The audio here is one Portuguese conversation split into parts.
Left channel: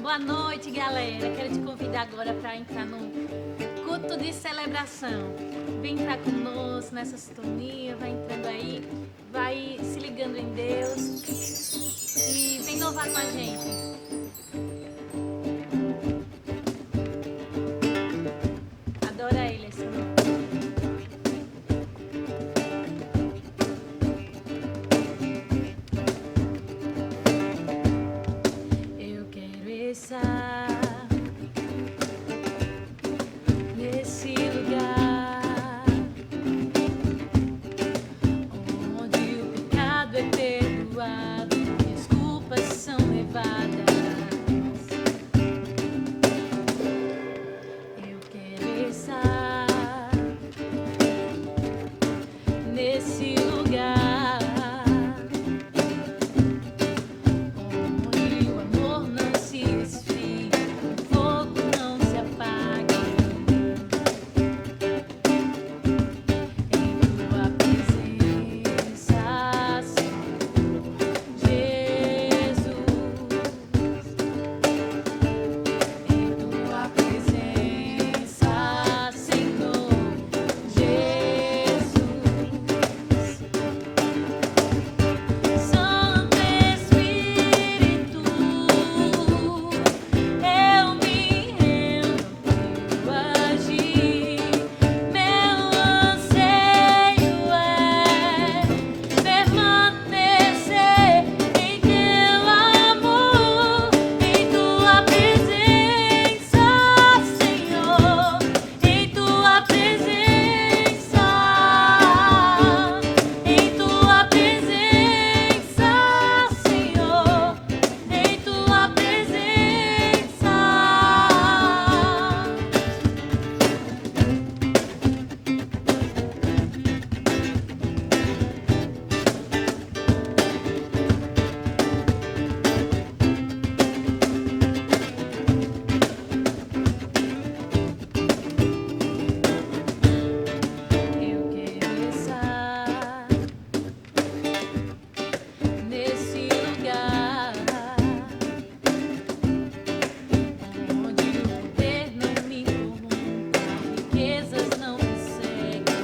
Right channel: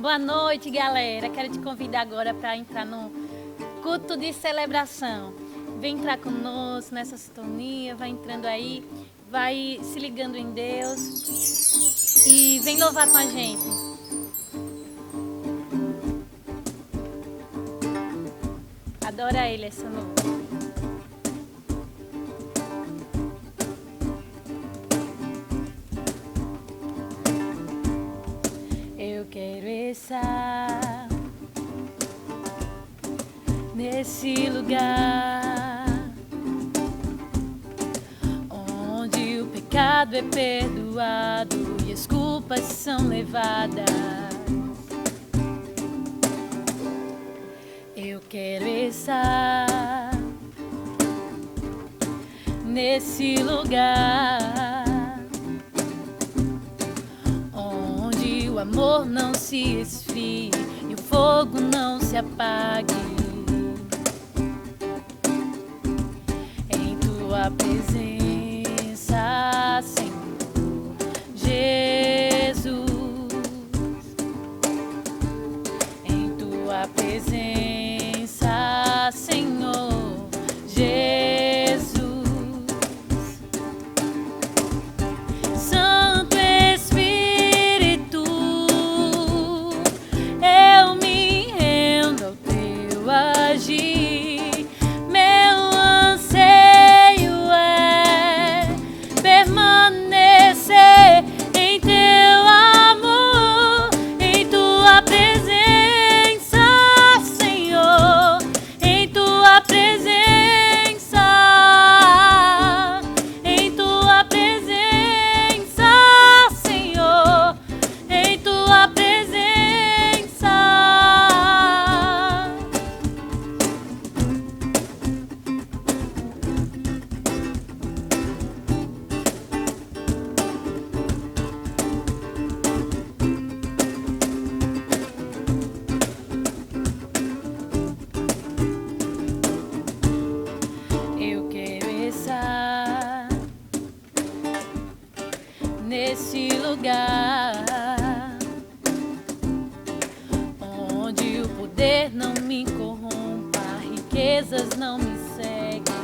Boa noite, galera. Quero te convidar agora para entrar no culto de celebração. Vem entrar conosco nessa sintonia, vai entrando aí, vai se ligando em Deus e vem louvar com a gente. Adora Ele essa noite. Eu quero estar nesse lugar onde o pecado é perdoado e as culpas são levadas. Eu quero estar nesse lugar onde o amor não se esfrie e o fogo não se apague. Em tua presença, Senhor Jesus. Em tua presença, Senhor Jesus. Santo Espírito, eu me rendo ao teu agir. Meu anseio é permanecer em teu amor, em tua presença, Senhor, em tua presença, em tua presença, Senhor, em tua presença. Eu quero estar nesse lugar onde o poder não me corrompa, riquezas não me seguem.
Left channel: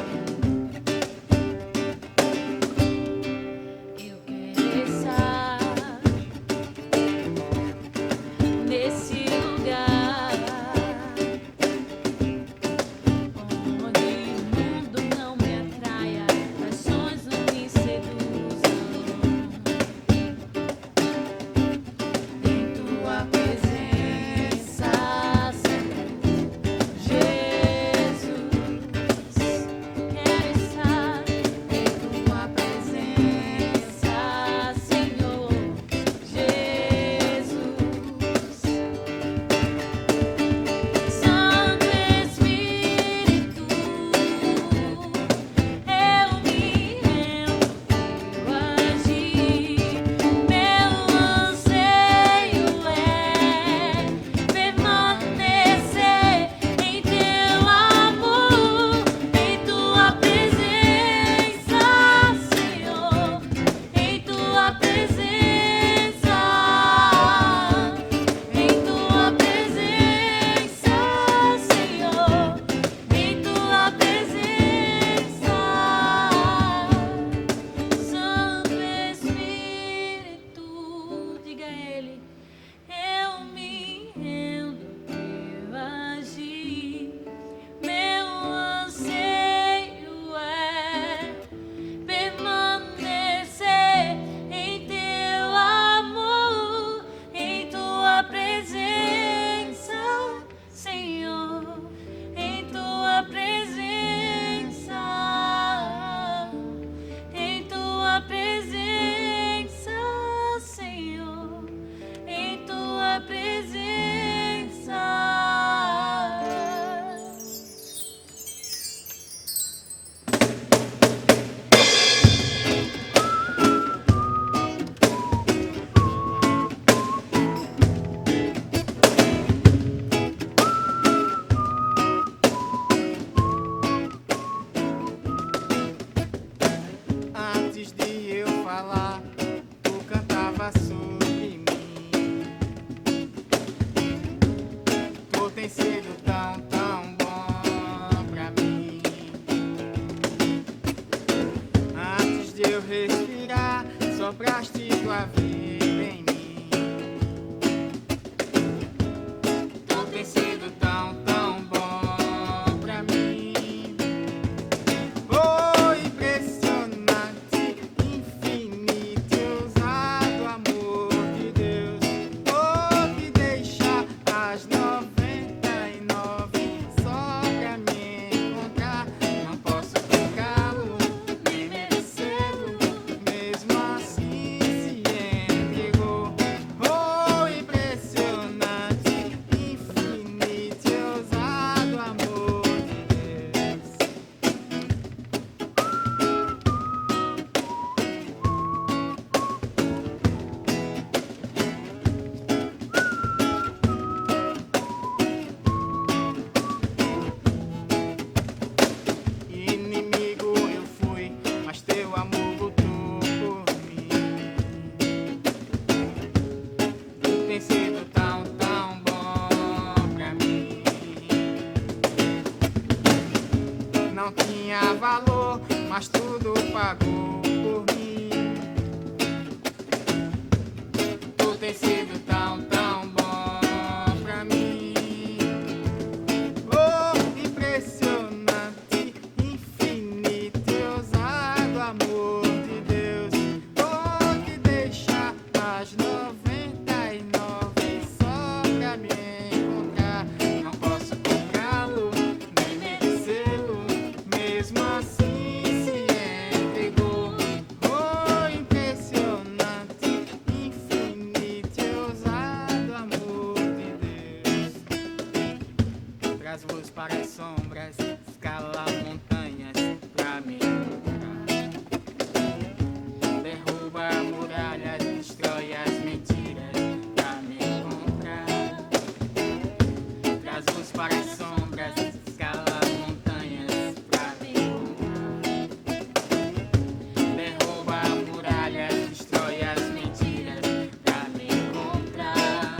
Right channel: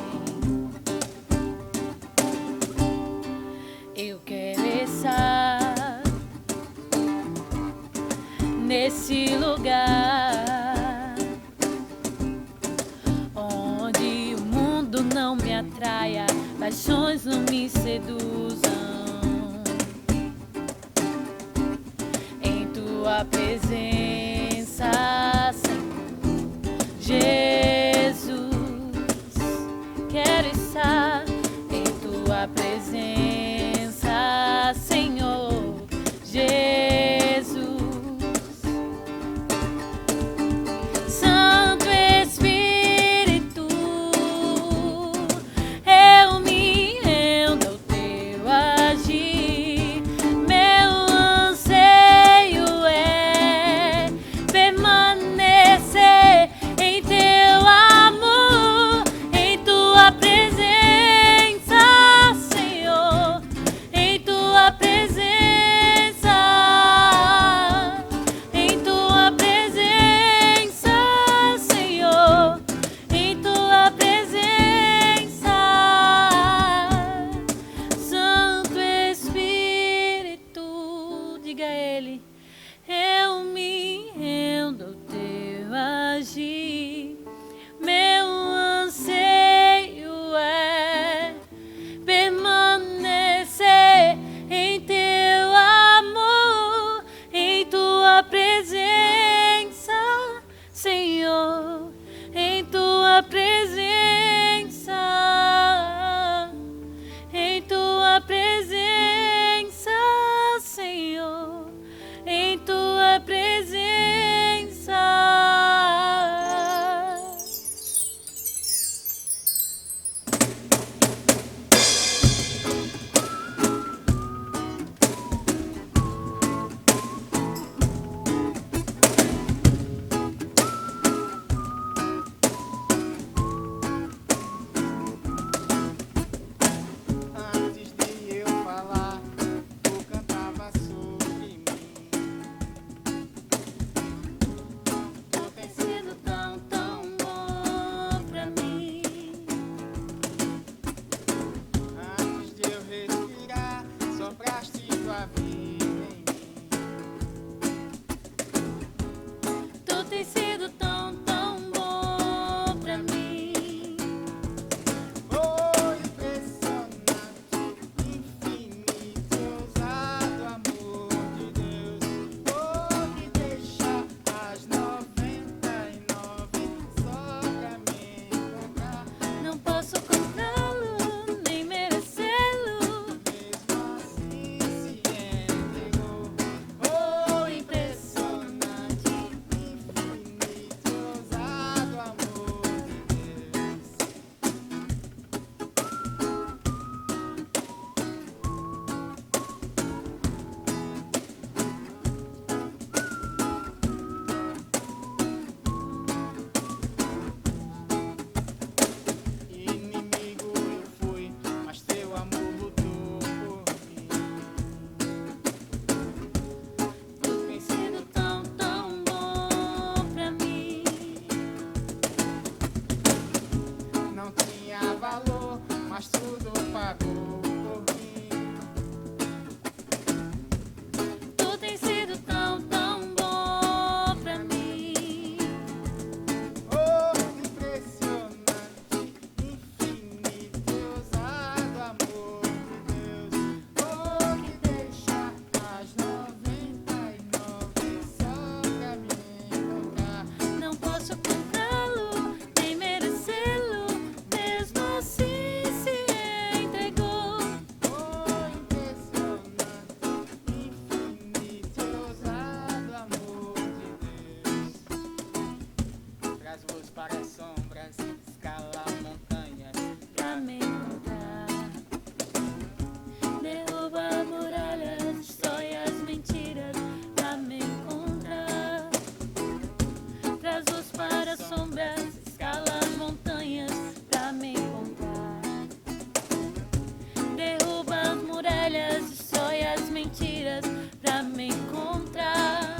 Eu quero estar nesse lugar onde o mundo não me atraia, paixões não me seduzam. estava sobre mim. Tu tem sido tão, tão bom pra mim. Antes de eu respirar, sopraste tua vida em mim. Tu tem sido tão, tão bom pra mim. Oh, impressionante, infinito e ousado amor de Deus. Oh, que deixa as 99 só pra me encontrar. Não posso comprá-lo, nem merecê-lo. mesmo assim se entregou. Oh, impressionante, infinito e ousado amor de Deus. Inimigo eu fui, mas teu amor lutou por mim. Tu tem sido tão, tão bom pra mim. Não tinha valor, mas tudo pagou por mim. Tu tem sido tão, tão bom pra mim. Oh, impressionante, infinito e ousado amor de Deus. Oh, que deixa as 99 só pra me encontrar. Não posso comprá-lo, nem merecê-lo, mesmo assim se entregou. Oh, impressionante, infinito e ousado amor de Deus. Traz luz para as sombras, escala montanhas pra me encontrar. Derruba muralhas, destrói as mentiras pra me encontrar. Traz luz para as sombras, escala montanhas pra me encontrar. Derruba muralhas, destrói as mentiras pra me encontrar.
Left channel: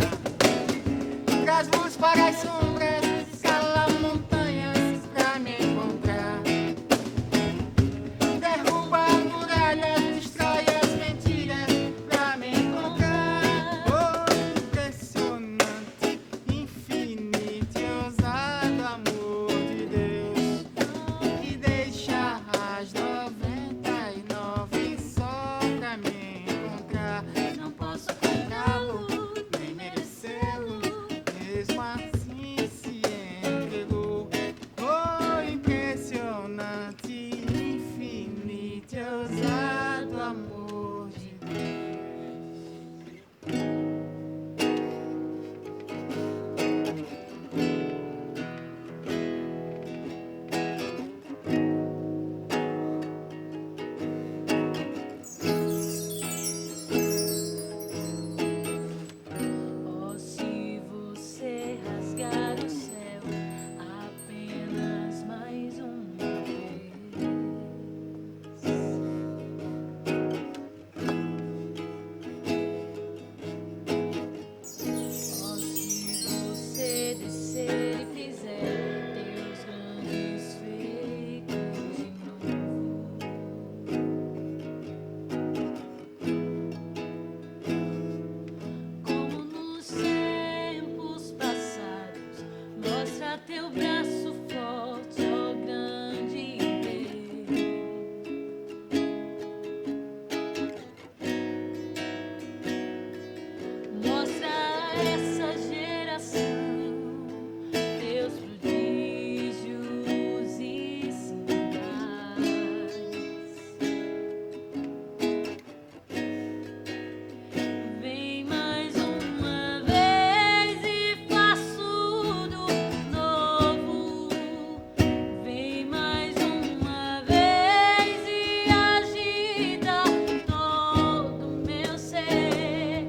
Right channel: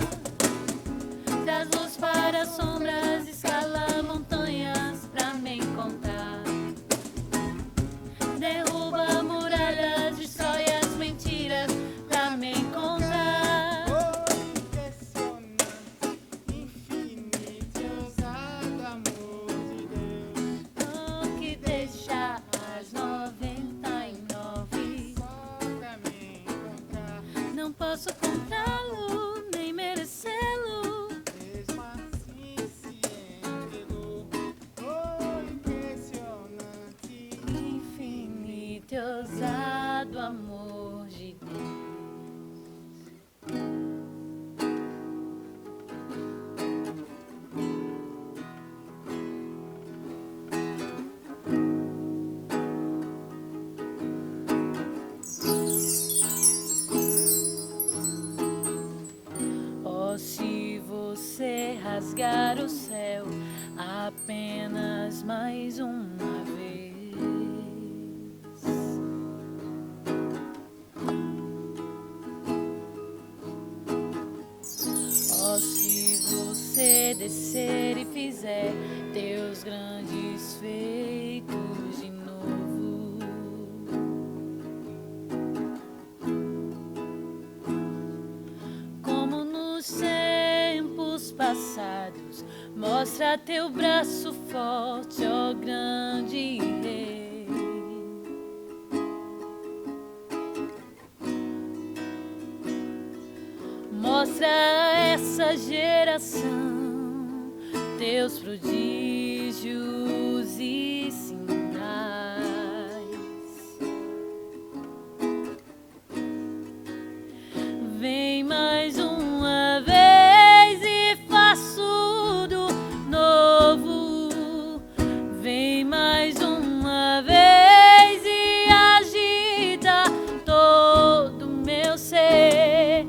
Traz luz para as sombras, escala montanhas pra me encontrar. Derruba muralhas, destrói as mentiras pra me encontrar. Oh, impressionante, infinito e ousado amor de Deus. Oh, que deixa as 99 só pra me encontrar. Não posso comprá-lo, nem merecê-lo. Mesmo assim se entregou. Oh, impressionante, infinito e ousado amor de Oh, se você rasgar o céu apenas mais uma vez. Oh, se você descer e fizer teus grandes feitos de novo. Como nos tempos passados, mostra teu braço forte, ó grande rei. Mostra a essa geração teus prodígios e sinais. Vem mais uma vez e faz tudo novo. Vem mais uma vez e agita todo meu ser.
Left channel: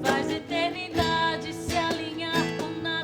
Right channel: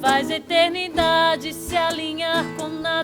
Faz a eternidade se alinhar com nada.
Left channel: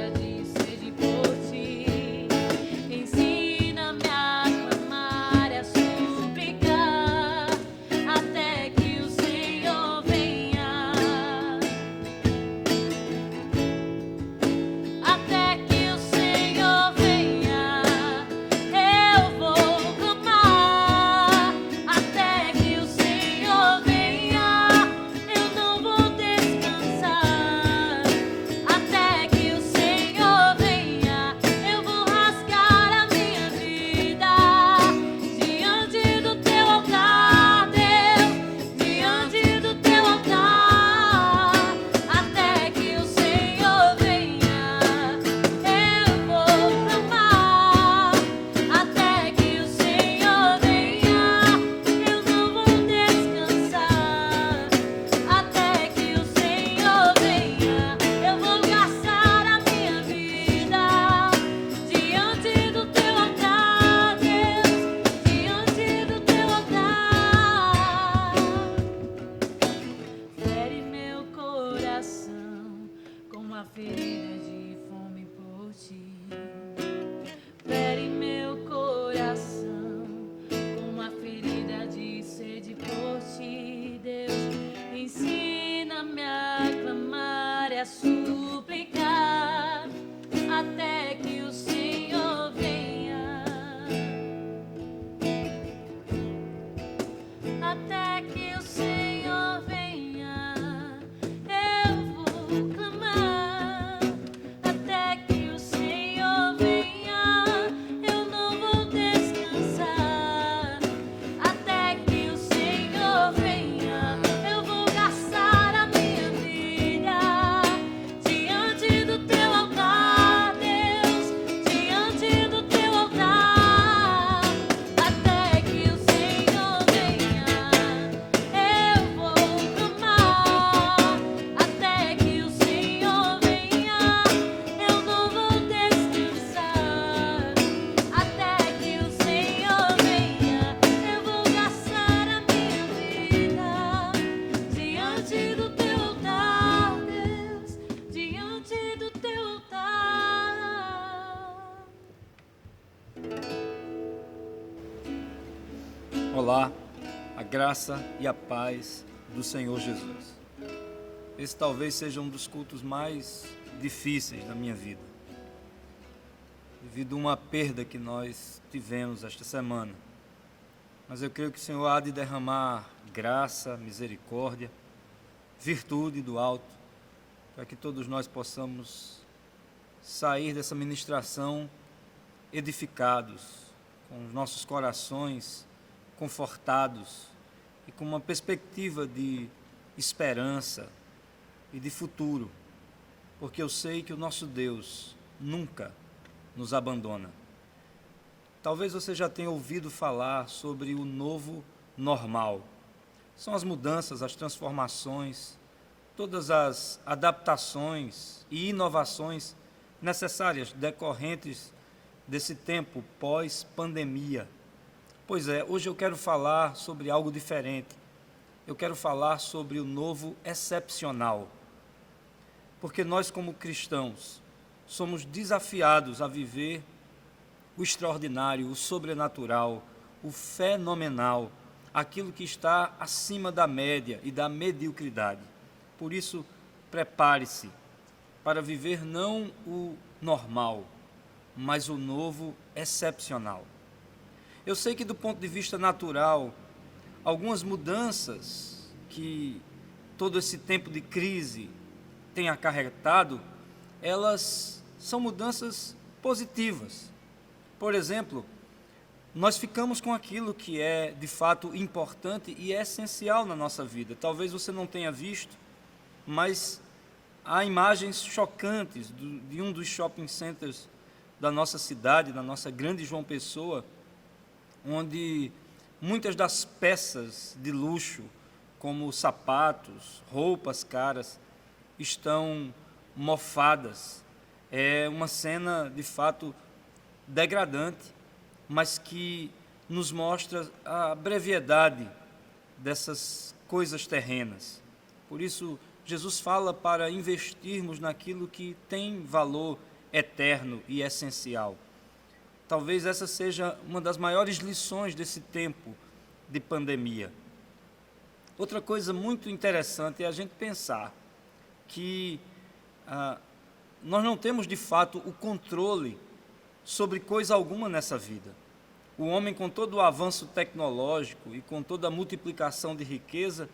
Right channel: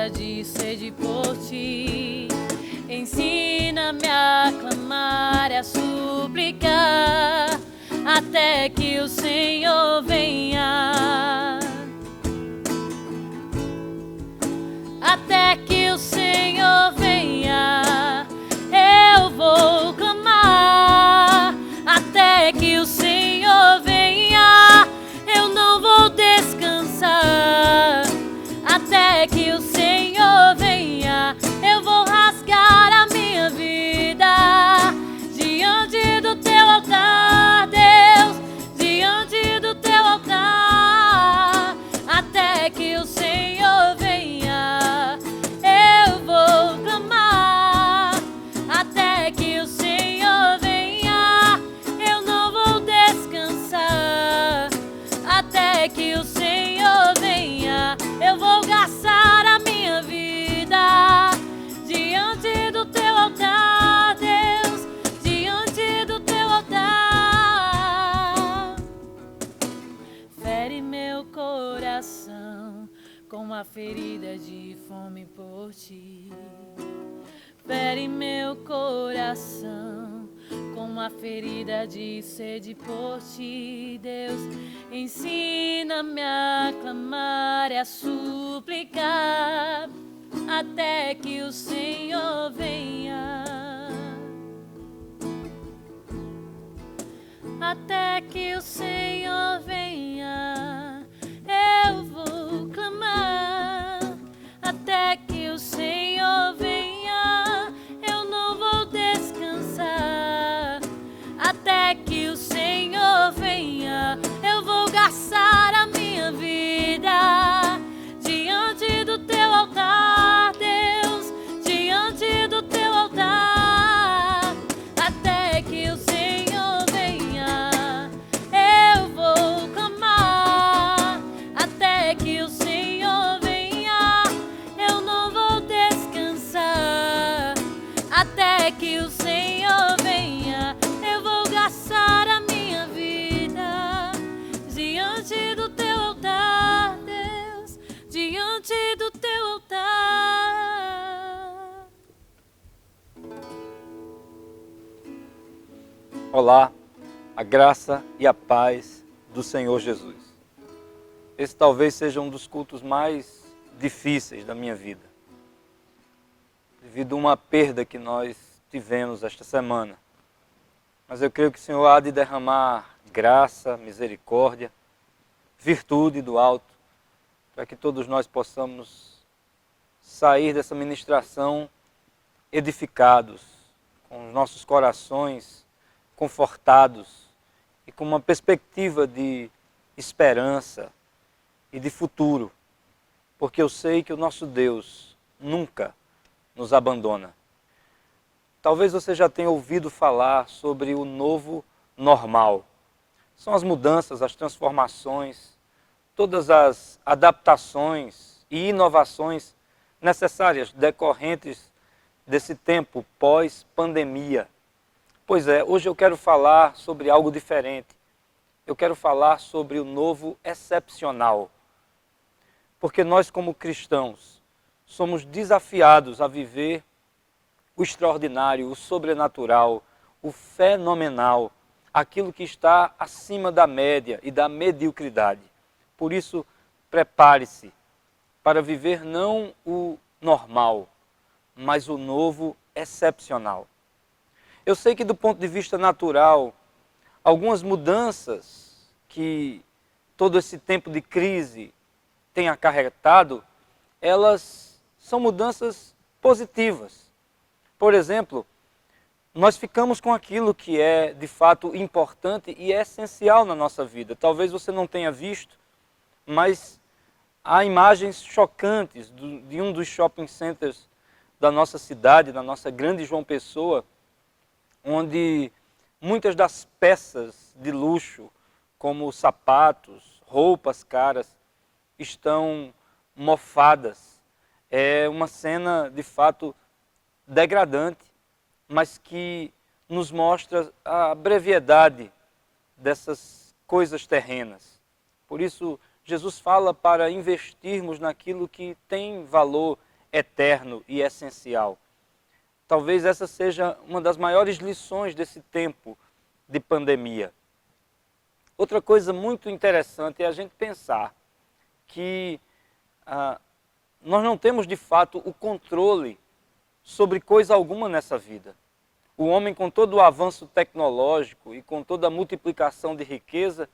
ferida de sede por ti. Ensina-me a clamar, a suplicar, até que o Senhor venha. Até que o Senhor venha, eu vou clamar. Até que o Senhor venha, eu não vou descansar. Até que o Senhor venha, eu vou rasgar a minha vida diante do teu altar, Deus, diante do teu altar. Até que o Senhor venha, eu vou clamar. Até que o Senhor venha, eu não vou descansar. Até que o Senhor venha, eu vou gastar a minha vida diante do teu altar, Deus, diante do teu altar. Fere meu coração com a ferida de fome por ti. Fere meu coração com a ferida de sede por ti, Deus. Ensina-me a clamar e a suplicar, até que o Senhor venha. Até que o Senhor venha, eu vou clamar. Até que o Senhor venha, eu não vou descansar. Até que o Senhor venha, eu vou gastar a minha vida diante do teu altar, Deus, diante do teu altar. Até que o Senhor venha, eu vou clamar. Até que o Senhor venha, eu não vou descansar. Até que o Senhor venha, eu vou gastar a minha vida diante do teu altar, Deus, diante do teu altar. Olá, a graça e a paz do Senhor Jesus. Esse talvez seja um dos cultos mais difíceis da minha vida, devido a uma perda que nós tivemos esta semana. Mas eu creio que o Senhor há de derramar graça, misericórdia, virtude do alto, para que todos nós possamos sair dessa ministração edificados, com os nossos corações confortados e com uma perspectiva de esperança e de futuro, porque eu sei que o nosso Deus nunca nos abandona. Talvez você já tenha ouvido falar sobre o novo normal. São as mudanças, as transformações, todas as adaptações e inovações necessárias decorrentes desse tempo pós-pandemia. Pois é, hoje eu quero falar sobre algo diferente. Eu quero falar sobre o novo excepcional. Porque nós, como cristãos, somos desafiados a viver o extraordinário, o sobrenatural, o fenomenal, aquilo que está acima da média e da mediocridade. Por isso, prepare-se para viver não o normal, mas o novo excepcional. Eu sei que do ponto de vista natural, algumas mudanças que todo esse tempo de crise tem acarretado, elas são mudanças positivas. Por exemplo, nós ficamos com aquilo que é de fato importante e é essencial na nossa vida. Talvez você não tenha visto, mas há imagens chocantes de um dos shopping centers da nossa cidade, da nossa grande João Pessoa, onde muitas das peças de luxo, como sapatos, roupas caras, estão mofadas. É uma cena, de fato, degradante, mas que nos mostra a brevidade dessas coisas terrenas. Por isso, Jesus fala para investirmos naquilo que tem valor eterno e essencial. Talvez essa seja uma das maiores lições desse tempo de pandemia. Outra coisa muito interessante é a gente pensar que nós não temos de fato o controle sobre coisa alguma nessa vida. O homem, com todo o avanço tecnológico e com toda a multiplicação de riqueza,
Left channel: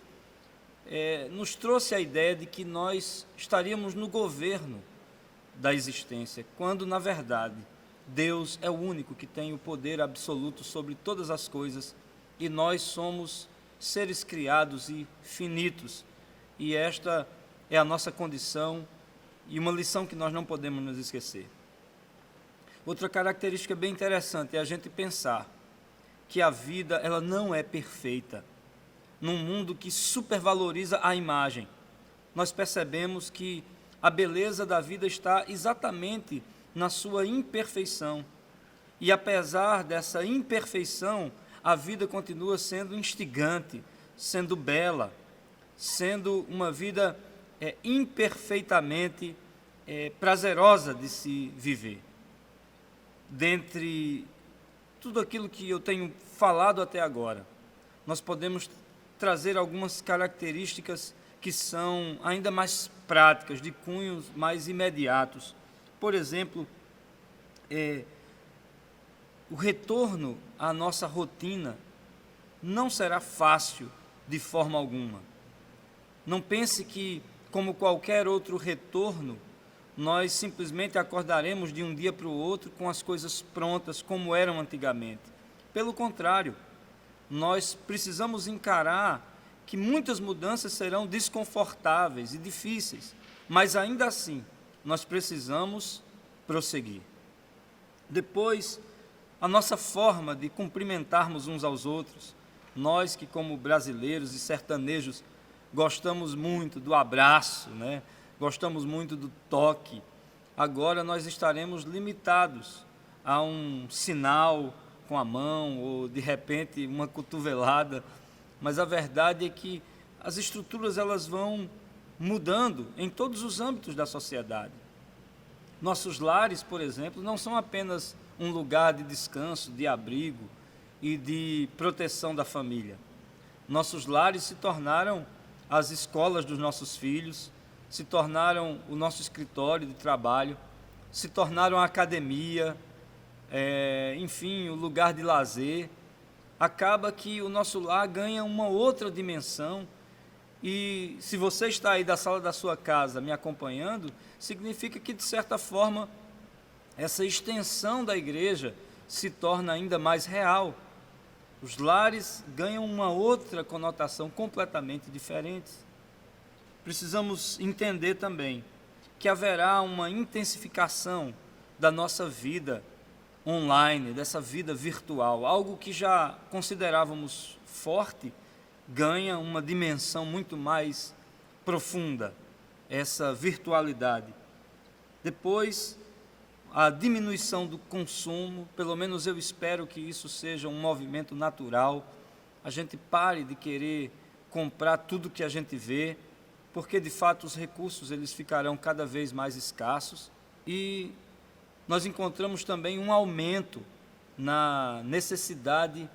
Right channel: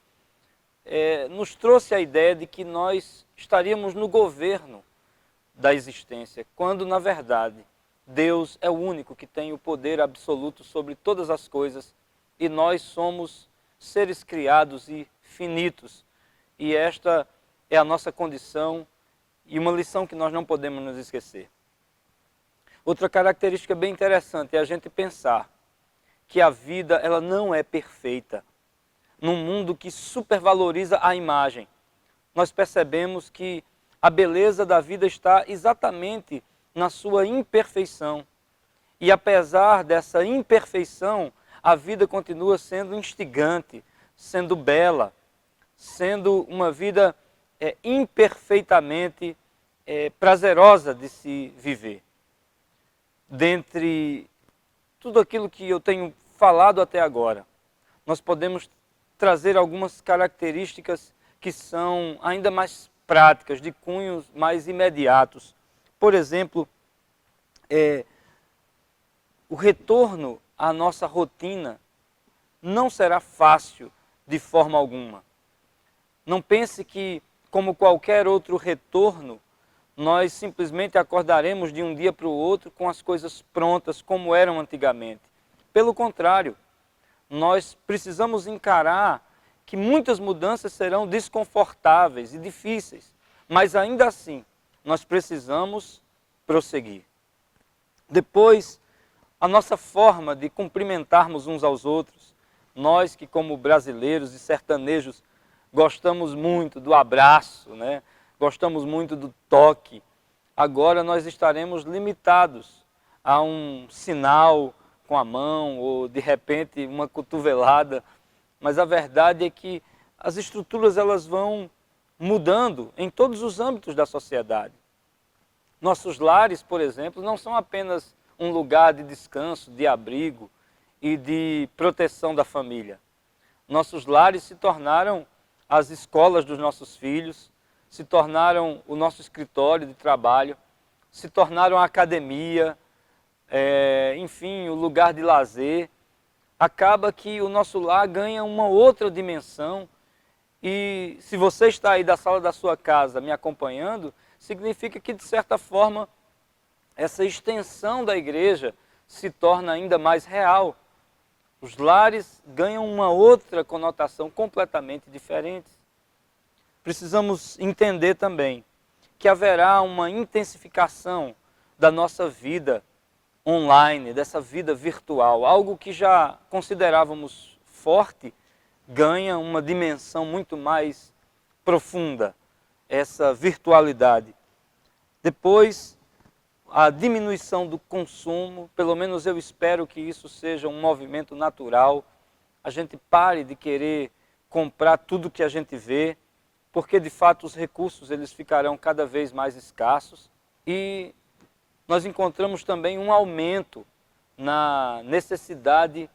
nos trouxe a ideia de que nós estaríamos no governo da existência, quando na verdade Deus é o único que tem o poder absoluto sobre todas as coisas e nós somos seres criados e finitos. E esta é a nossa condição e uma lição que nós não podemos nos esquecer. Outra característica bem interessante é a gente pensar que a vida ela não é perfeita. Num mundo que supervaloriza a imagem, nós percebemos que a beleza da vida está exatamente na sua imperfeição. E apesar dessa imperfeição, a vida continua sendo instigante, sendo bela, sendo uma vida imperfeitamente prazerosa de se viver. Dentre tudo aquilo que eu tenho falado até agora, nós podemos trazer algumas características que são ainda mais práticas, de cunhos mais imediatos. Por exemplo, o retorno à nossa rotina não será fácil de forma alguma. Não pense que, como qualquer outro retorno, nós simplesmente acordaremos de um dia para o outro com as coisas prontas como eram antigamente. Pelo contrário, nós precisamos encarar que muitas mudanças serão desconfortáveis e difíceis, mas ainda assim nós precisamos prosseguir. Depois, a nossa forma de cumprimentarmos uns aos outros, nós que como brasileiros e sertanejos gostamos muito do abraço, né? Gostamos muito do toque, agora nós estaremos limitados a um sinal com a mão ou de repente uma cotovelada, mas a verdade é que as estruturas elas vão mudando em todos os âmbitos da sociedade. Nossos lares, por exemplo, não são apenas um lugar de descanso, de abrigo e de proteção da família. Nossos lares se tornaram as escolas dos nossos filhos, se tornaram o nosso escritório de trabalho, se tornaram a academia, enfim, o lugar de lazer. Acaba que o nosso lar ganha uma outra dimensão e se você está aí da sala da sua casa me acompanhando, significa que de certa forma essa extensão da igreja se torna ainda mais real. Os lares ganham uma outra conotação completamente diferente. Precisamos entender também que haverá uma intensificação da nossa vida online, dessa vida virtual. Algo que já considerávamos forte ganha uma dimensão muito mais profunda, essa virtualidade. Depois, a diminuição do consumo, pelo menos eu espero que isso seja um movimento natural. A gente pare de querer comprar tudo que a gente vê, porque de fato os recursos eles ficarão cada vez mais escassos e nós encontramos também um aumento na necessidade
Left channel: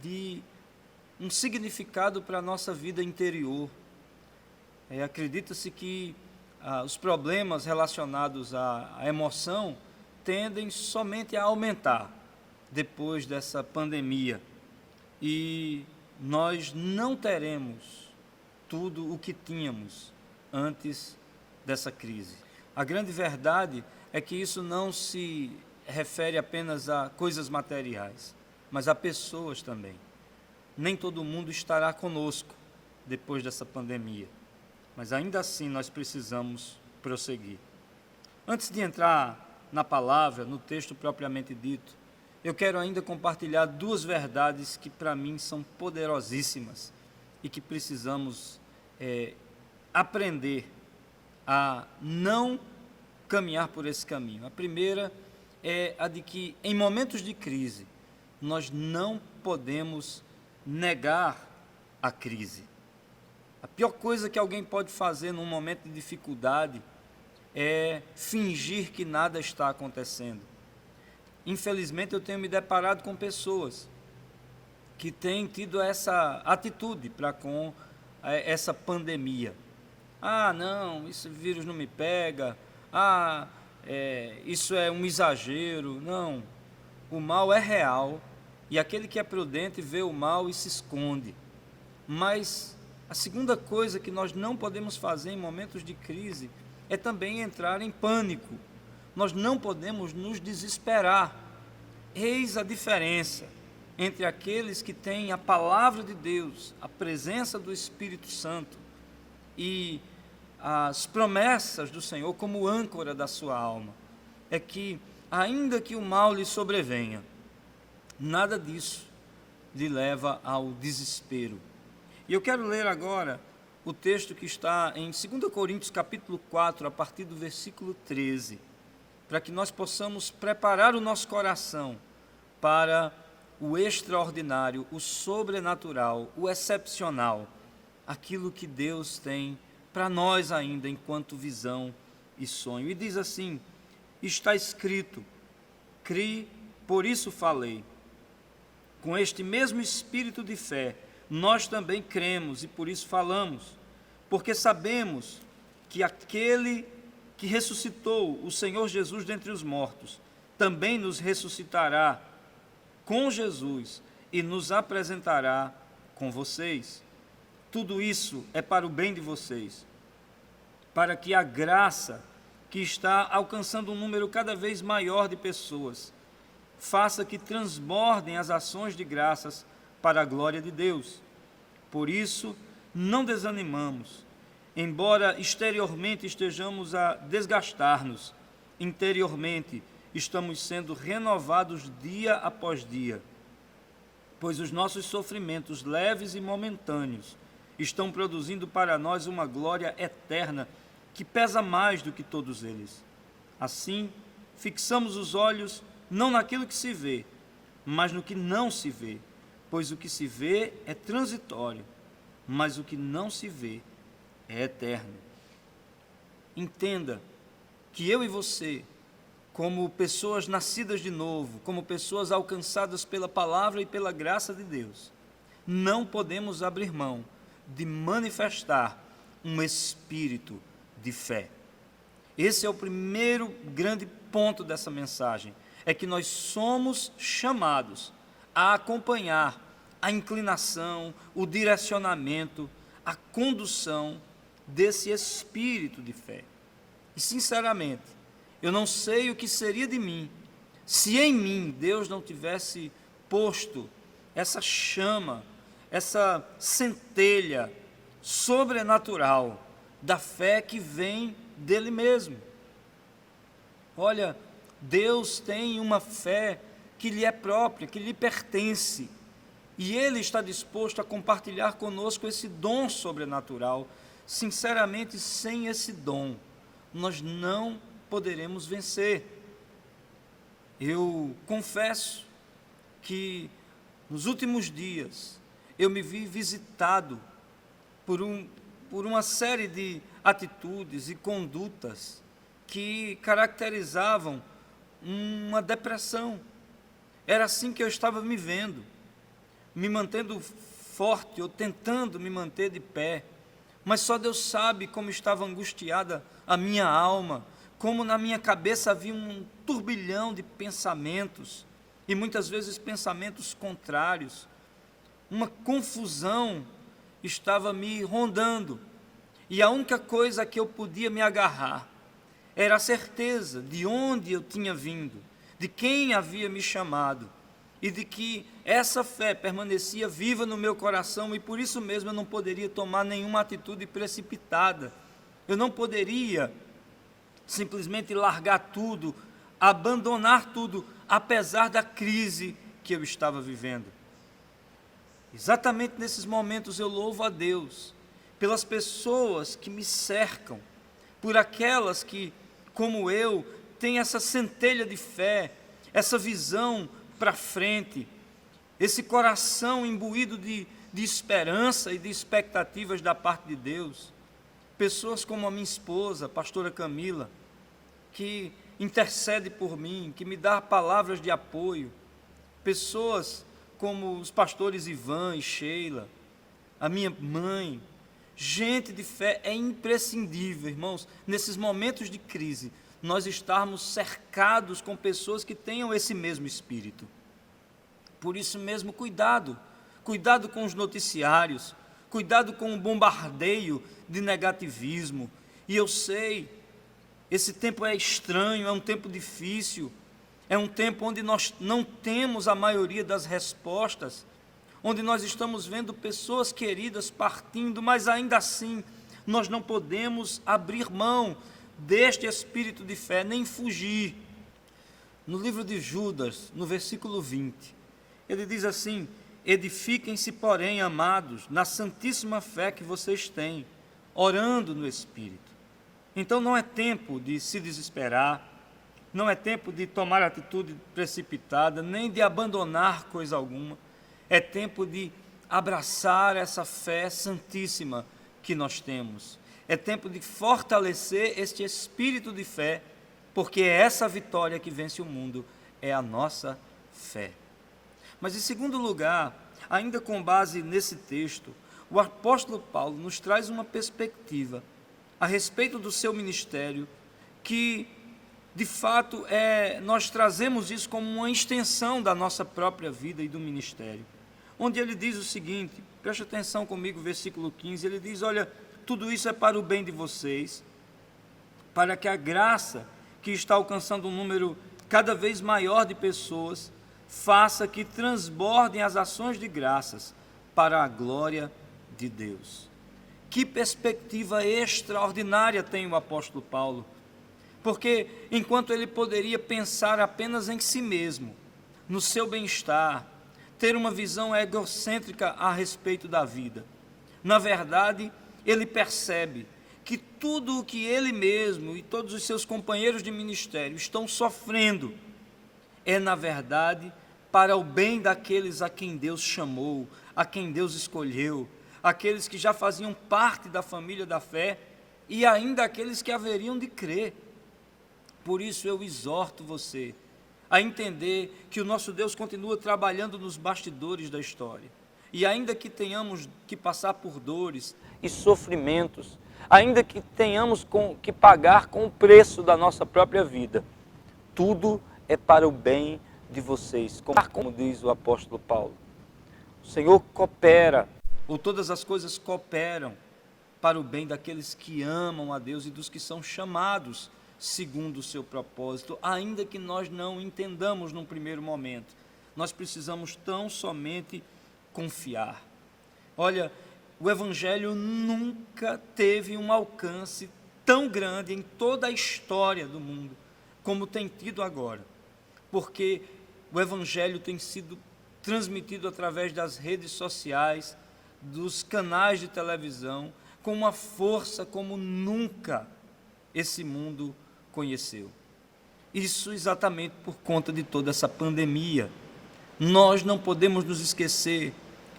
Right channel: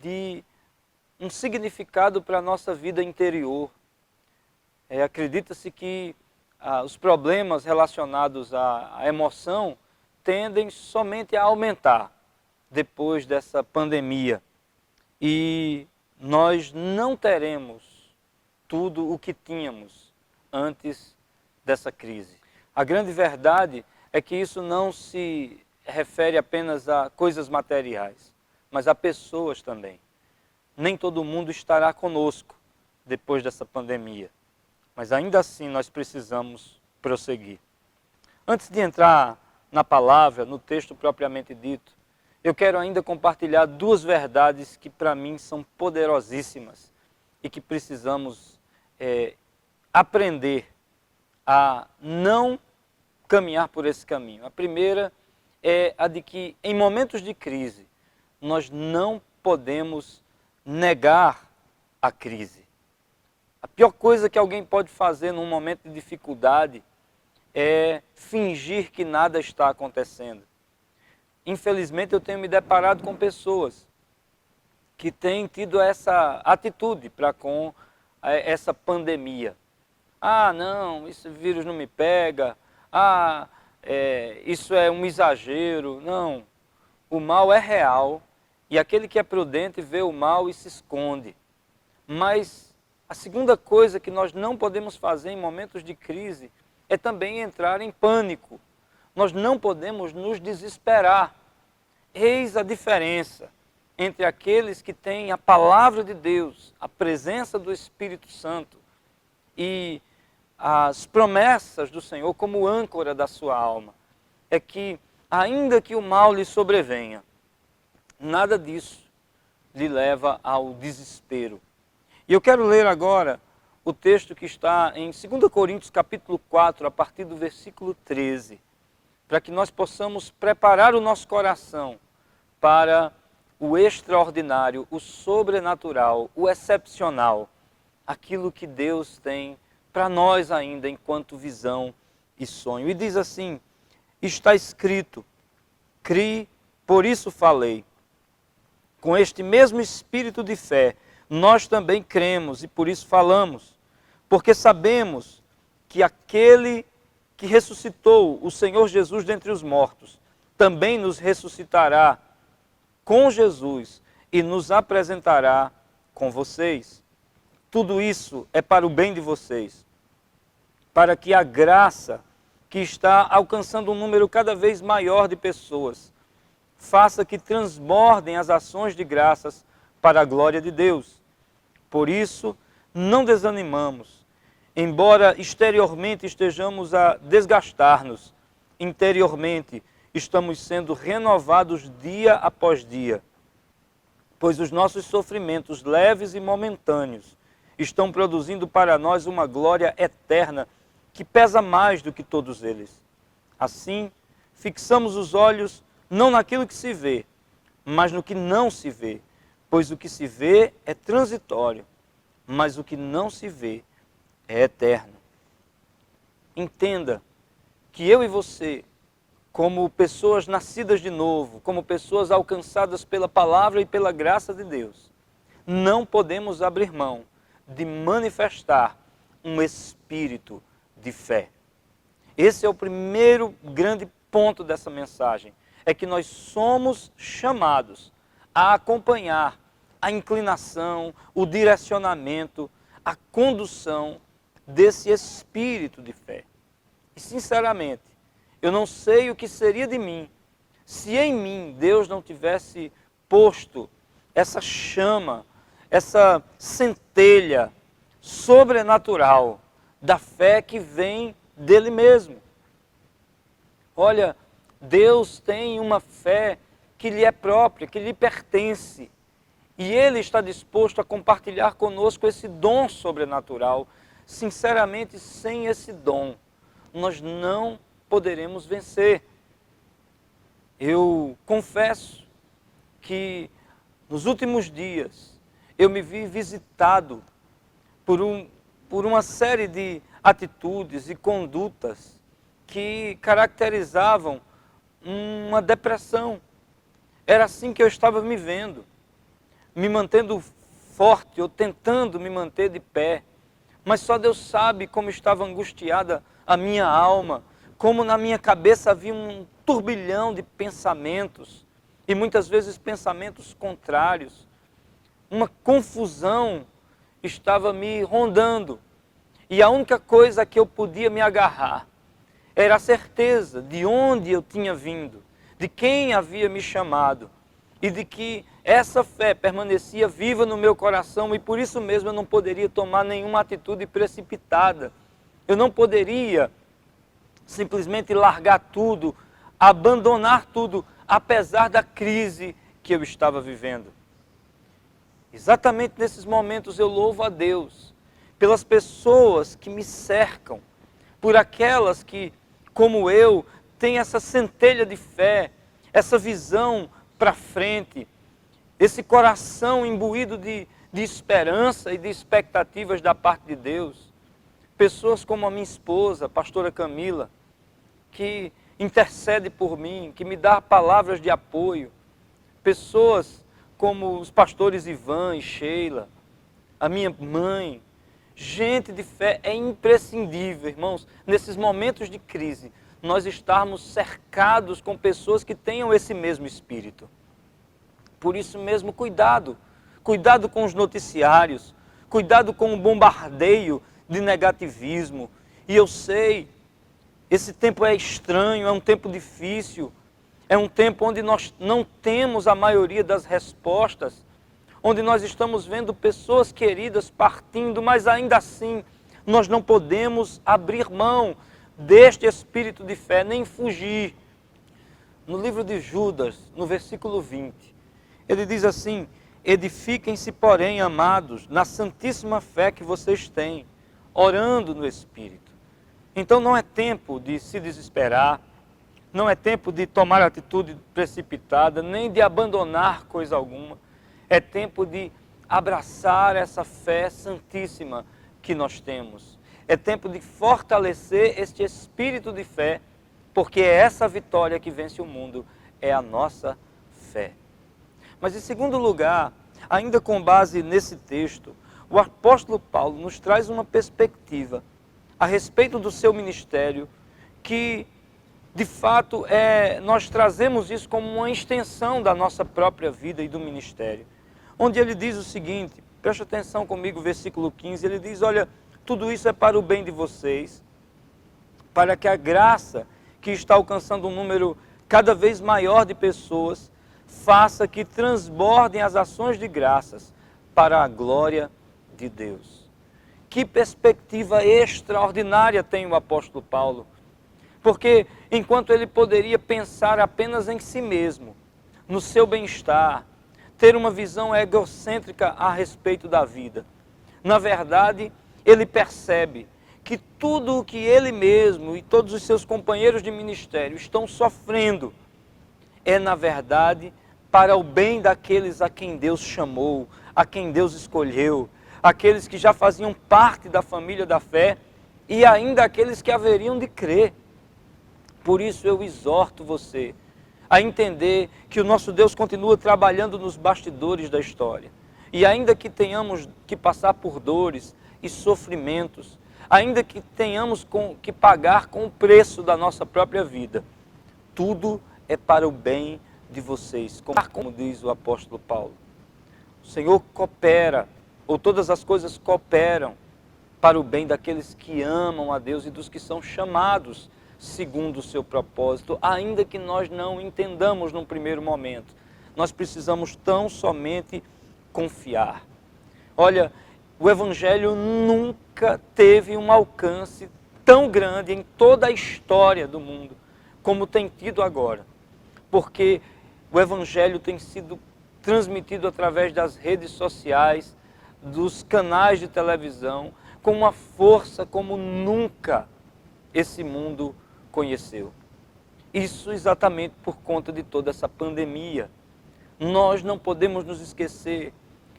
de um significado para a nossa vida interior. Acredita-se que os problemas relacionados à emoção tendem somente a aumentar depois dessa pandemia e nós não teremos tudo o que tínhamos antes dessa crise. A grande verdade é que isso não se refere apenas a coisas materiais, mas a pessoas também. Nem todo mundo estará conosco depois dessa pandemia, mas ainda assim nós precisamos prosseguir. Antes de entrar na palavra, no texto propriamente dito, eu quero ainda compartilhar duas verdades que para mim são poderosíssimas e que precisamos aprender a não caminhar por esse caminho. A primeira é a de que em momentos de crise nós não podemos negar a crise. A pior coisa que alguém pode fazer num momento de dificuldade é fingir que nada está acontecendo. Infelizmente, eu tenho me deparado com pessoas que têm tido essa atitude para com essa pandemia. Ah, não, esse vírus não me pega. Ah, isso é um exagero. Não, o mal é real e aquele que é prudente vê o mal e se esconde. Mas a segunda coisa que nós não podemos fazer em momentos de crise é também entrar em pânico. Nós não podemos nos desesperar. Eis a diferença entre aqueles que têm a palavra de Deus, a presença do Espírito Santo e as promessas do Senhor como âncora da sua alma. É que, ainda que o mal lhe sobrevenha, nada disso lhe leva ao desespero. E eu quero ler agora o texto que está em 2 Coríntios capítulo 4, a partir do versículo 13, para que nós possamos preparar o nosso coração para o extraordinário, o sobrenatural, o excepcional, aquilo que Deus tem para nós ainda enquanto visão e sonho. E diz assim: está escrito, criei, por isso falei. Com este mesmo espírito de fé, nós também cremos e por isso falamos, porque sabemos que aquele que ressuscitou o Senhor Jesus dentre os mortos, também nos ressuscitará com Jesus e nos apresentará com vocês. Tudo isso é para o bem de vocês, para que a graça que está alcançando um número cada vez maior de pessoas faça que transbordem as ações de graças para a glória de Deus. Por isso, não desanimamos. Embora exteriormente estejamos a desgastar-nos, interiormente estamos sendo renovados dia após dia, pois os nossos sofrimentos leves e momentâneos estão produzindo para nós uma glória eterna que pesa mais do que todos eles. Assim, fixamos os olhos não naquilo que se vê, mas no que não se vê, pois o que se vê é transitório, mas o que não se vê é eterno. Entenda que eu e você, como pessoas nascidas de novo, como pessoas alcançadas pela palavra e pela graça de Deus, não podemos abrir mão de manifestar um espírito de fé. Esse é o primeiro grande ponto dessa mensagem, é que nós somos chamados a acompanhar a inclinação, o direcionamento, a condução desse espírito de fé. E sinceramente, eu não sei o que seria de mim se em mim Deus não tivesse posto essa chama, essa centelha sobrenatural da fé que vem dele mesmo. Olha, Deus tem uma fé que lhe é própria, que lhe pertence. E Ele está disposto a compartilhar conosco esse dom sobrenatural. Sinceramente, sem esse dom, nós não poderemos vencer. Eu confesso que nos últimos dias eu me vi visitado por uma série de atitudes e condutas que caracterizavam uma depressão. Era assim que eu estava me vendo, me mantendo forte, ou tentando me manter de pé. Mas só Deus sabe como estava angustiada a minha alma, como na minha cabeça havia um turbilhão de pensamentos, e muitas vezes pensamentos contrários. Uma confusão estava me rondando, e a única coisa que eu podia me agarrar era a certeza de onde eu tinha vindo, de quem havia me chamado, e de que essa fé permanecia viva no meu coração, e por isso mesmo eu não poderia tomar nenhuma atitude precipitada. Eu não poderia simplesmente largar tudo, abandonar tudo, apesar da crise que eu estava vivendo. Exatamente nesses momentos eu louvo a Deus pelas pessoas que me cercam, por aquelas que, como eu, têm essa centelha de fé, essa visão para frente, esse coração imbuído de esperança e de expectativas da parte de Deus. Pessoas como a minha esposa, a pastora Camila, que intercede por mim, que me dá palavras de apoio. Pessoas como os pastores Ivan e Sheila, a minha mãe. Gente de fé é imprescindível, irmãos, nesses momentos de crise, nós estarmos cercados com pessoas que tenham esse mesmo espírito. Por isso mesmo, cuidado. Cuidado com os noticiários, cuidado com o bombardeio de negativismo. E eu sei, esse tempo é estranho, é um tempo difícil, é um tempo onde nós não temos a maioria das respostas, onde nós estamos vendo pessoas queridas partindo, mas ainda assim nós não podemos abrir mão deste espírito de fé, nem fugir. No livro de Judas, no versículo 20, ele diz assim: edifiquem-se, porém, amados, na santíssima fé que vocês têm, orando no Espírito. Então não é tempo de se desesperar, não é tempo de tomar atitude precipitada, nem de abandonar coisa alguma. É tempo de abraçar essa fé santíssima que nós temos. É tempo de fortalecer este espírito de fé, porque é essa vitória que vence o mundo, é a nossa fé. Mas em segundo lugar, ainda com base nesse texto, o apóstolo Paulo nos traz uma perspectiva a respeito do seu ministério, que de fato nós trazemos isso como uma extensão da nossa própria vida e do ministério. Onde ele diz o seguinte, preste atenção comigo, versículo 15, ele diz: olha, tudo isso é para o bem de vocês, para que a graça que está alcançando um número cada vez maior de pessoas, faça que transbordem as ações de graças para a glória de Deus. Que perspectiva extraordinária tem o apóstolo Paulo, porque enquanto ele poderia pensar apenas em si mesmo, no seu bem-estar, ter uma visão egocêntrica a respeito da vida, na verdade, ele percebe que tudo o que ele mesmo e todos os seus companheiros de ministério estão sofrendo é, na verdade, para o bem daqueles a quem Deus chamou, a quem Deus escolheu, aqueles que já faziam parte da família da fé e ainda aqueles que haveriam de crer. Por isso eu exorto você a entender que o nosso Deus continua trabalhando nos bastidores da história. E ainda que tenhamos que passar por dores e sofrimentos, ainda que tenhamos que pagar com o preço da nossa própria vida, tudo é para o bem de vocês, como diz o apóstolo Paulo. O Senhor coopera, ou todas as coisas cooperam para o bem daqueles que amam a Deus e dos que são chamados segundo o seu propósito, ainda que nós não entendamos num primeiro momento. Nós precisamos tão somente confiar. Olha, o Evangelho nunca teve um alcance tão grande em toda a história do mundo como tem tido agora, porque o Evangelho tem sido transmitido através das redes sociais, dos canais de televisão, com uma força como nunca esse mundo conheceu. Isso exatamente por conta de toda essa pandemia. Nós não podemos nos esquecer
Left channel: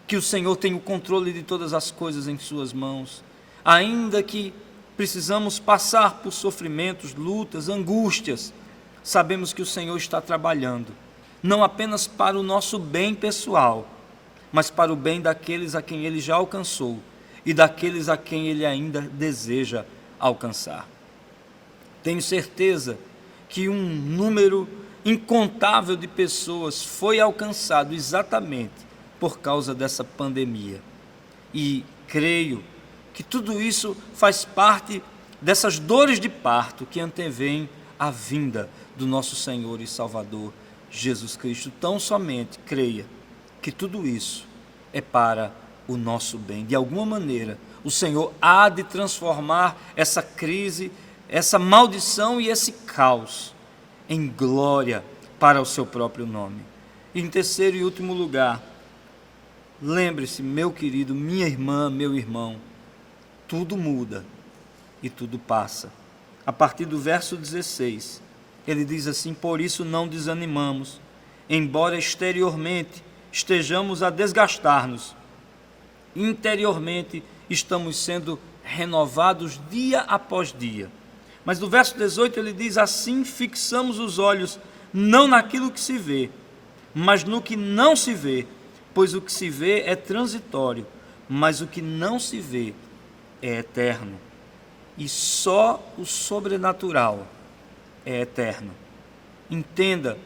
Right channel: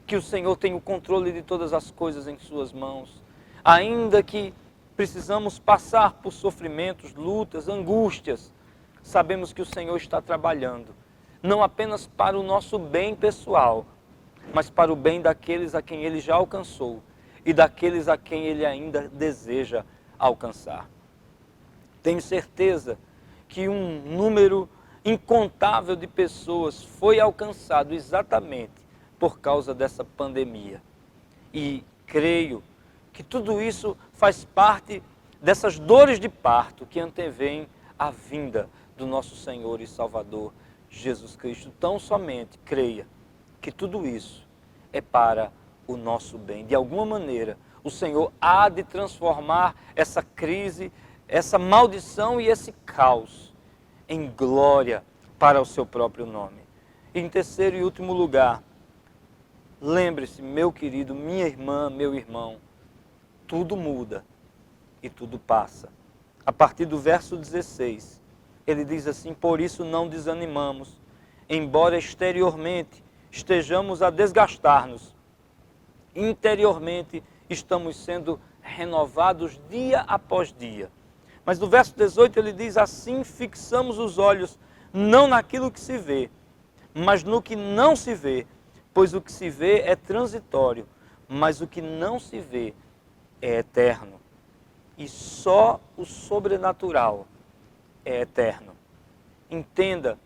que o Senhor tem o controle de todas as coisas em suas mãos. Ainda que precisamos passar por sofrimentos, lutas, angústias, sabemos que o Senhor está trabalhando, não apenas para o nosso bem pessoal, mas para o bem daqueles a quem Ele já alcançou e daqueles a quem Ele ainda deseja alcançar. Tenho certeza que um número incontável de pessoas foi alcançado exatamente por causa dessa pandemia. E creio que tudo isso faz parte dessas dores de parto que antevêm a vinda do nosso Senhor e Salvador Jesus Cristo. Tão somente creia que tudo isso é para o nosso bem. De alguma maneira, o Senhor há de transformar essa crise, essa maldição e esse caos em glória para o seu próprio nome. E em terceiro e último lugar, lembre-se, meu querido, minha irmã, meu irmão, tudo muda e tudo passa. A partir do verso 16, ele diz assim: por isso não desanimamos, embora exteriormente estejamos a desgastar-nos, interiormente estamos sendo renovados dia após dia. Mas no verso 18 ele diz: assim fixamos os olhos não naquilo que se vê, mas no que não se vê, pois o que se vê é transitório, mas o que não se vê é eterno. E só o sobrenatural é eterno. Entenda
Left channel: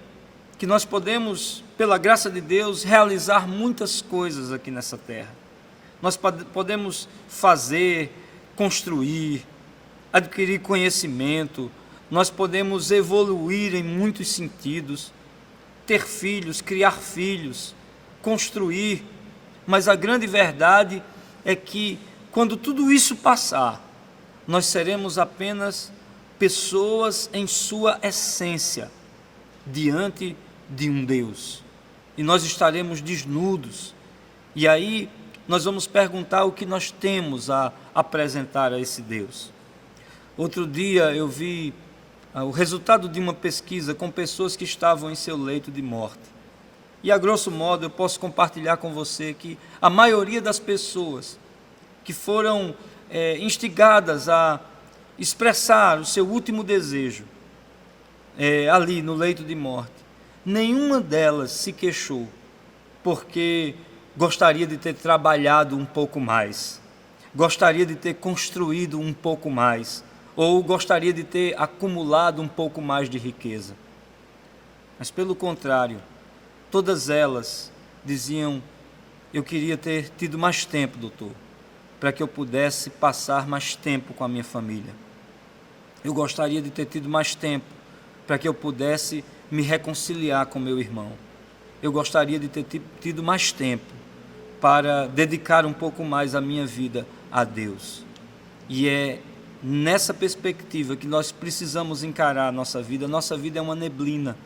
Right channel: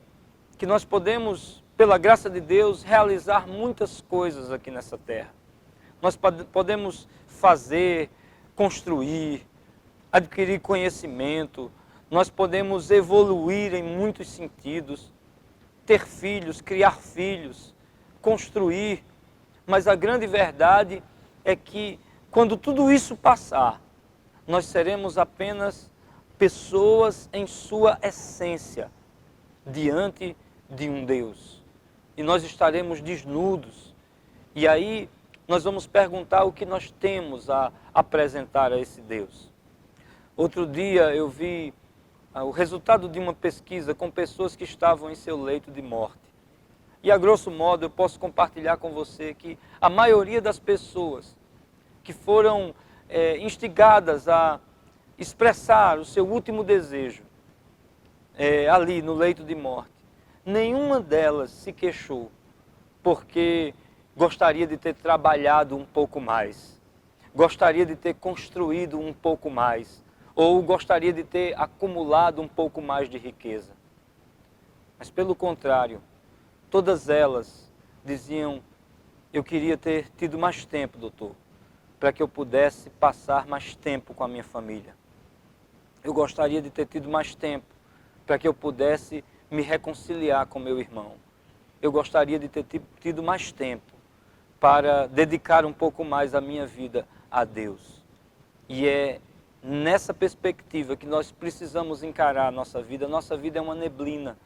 que nós podemos, pela graça de Deus, realizar muitas coisas aqui nessa terra. Nós podemos fazer, construir, adquirir conhecimento, nós podemos evoluir em muitos sentidos, ter filhos, criar filhos, construir, mas a grande verdade é que quando tudo isso passar, nós seremos apenas pessoas em sua essência, diante de um Deus. E nós estaremos desnudos. E aí nós vamos perguntar o que nós temos a apresentar a esse Deus. Outro dia eu vi o resultado de uma pesquisa com pessoas que estavam em seu leito de morte. E a grosso modo eu posso compartilhar com você que a maioria das pessoas que foram instigadas a expressar o seu último desejo ali no leito de morte, nenhuma delas se queixou porque gostaria de ter trabalhado um pouco mais, gostaria de ter construído um pouco mais, ou gostaria de ter acumulado um pouco mais de riqueza. Mas pelo contrário, todas elas diziam: eu queria ter tido mais tempo, doutor, para que eu pudesse passar mais tempo com a minha família. Eu gostaria de ter tido mais tempo para que eu pudesse me reconciliar com meu irmão. Eu gostaria de ter tido mais tempo para dedicar um pouco mais a minha vida a Deus. E é nessa perspectiva que nós precisamos encarar a nossa vida. A nossa vida é uma neblina,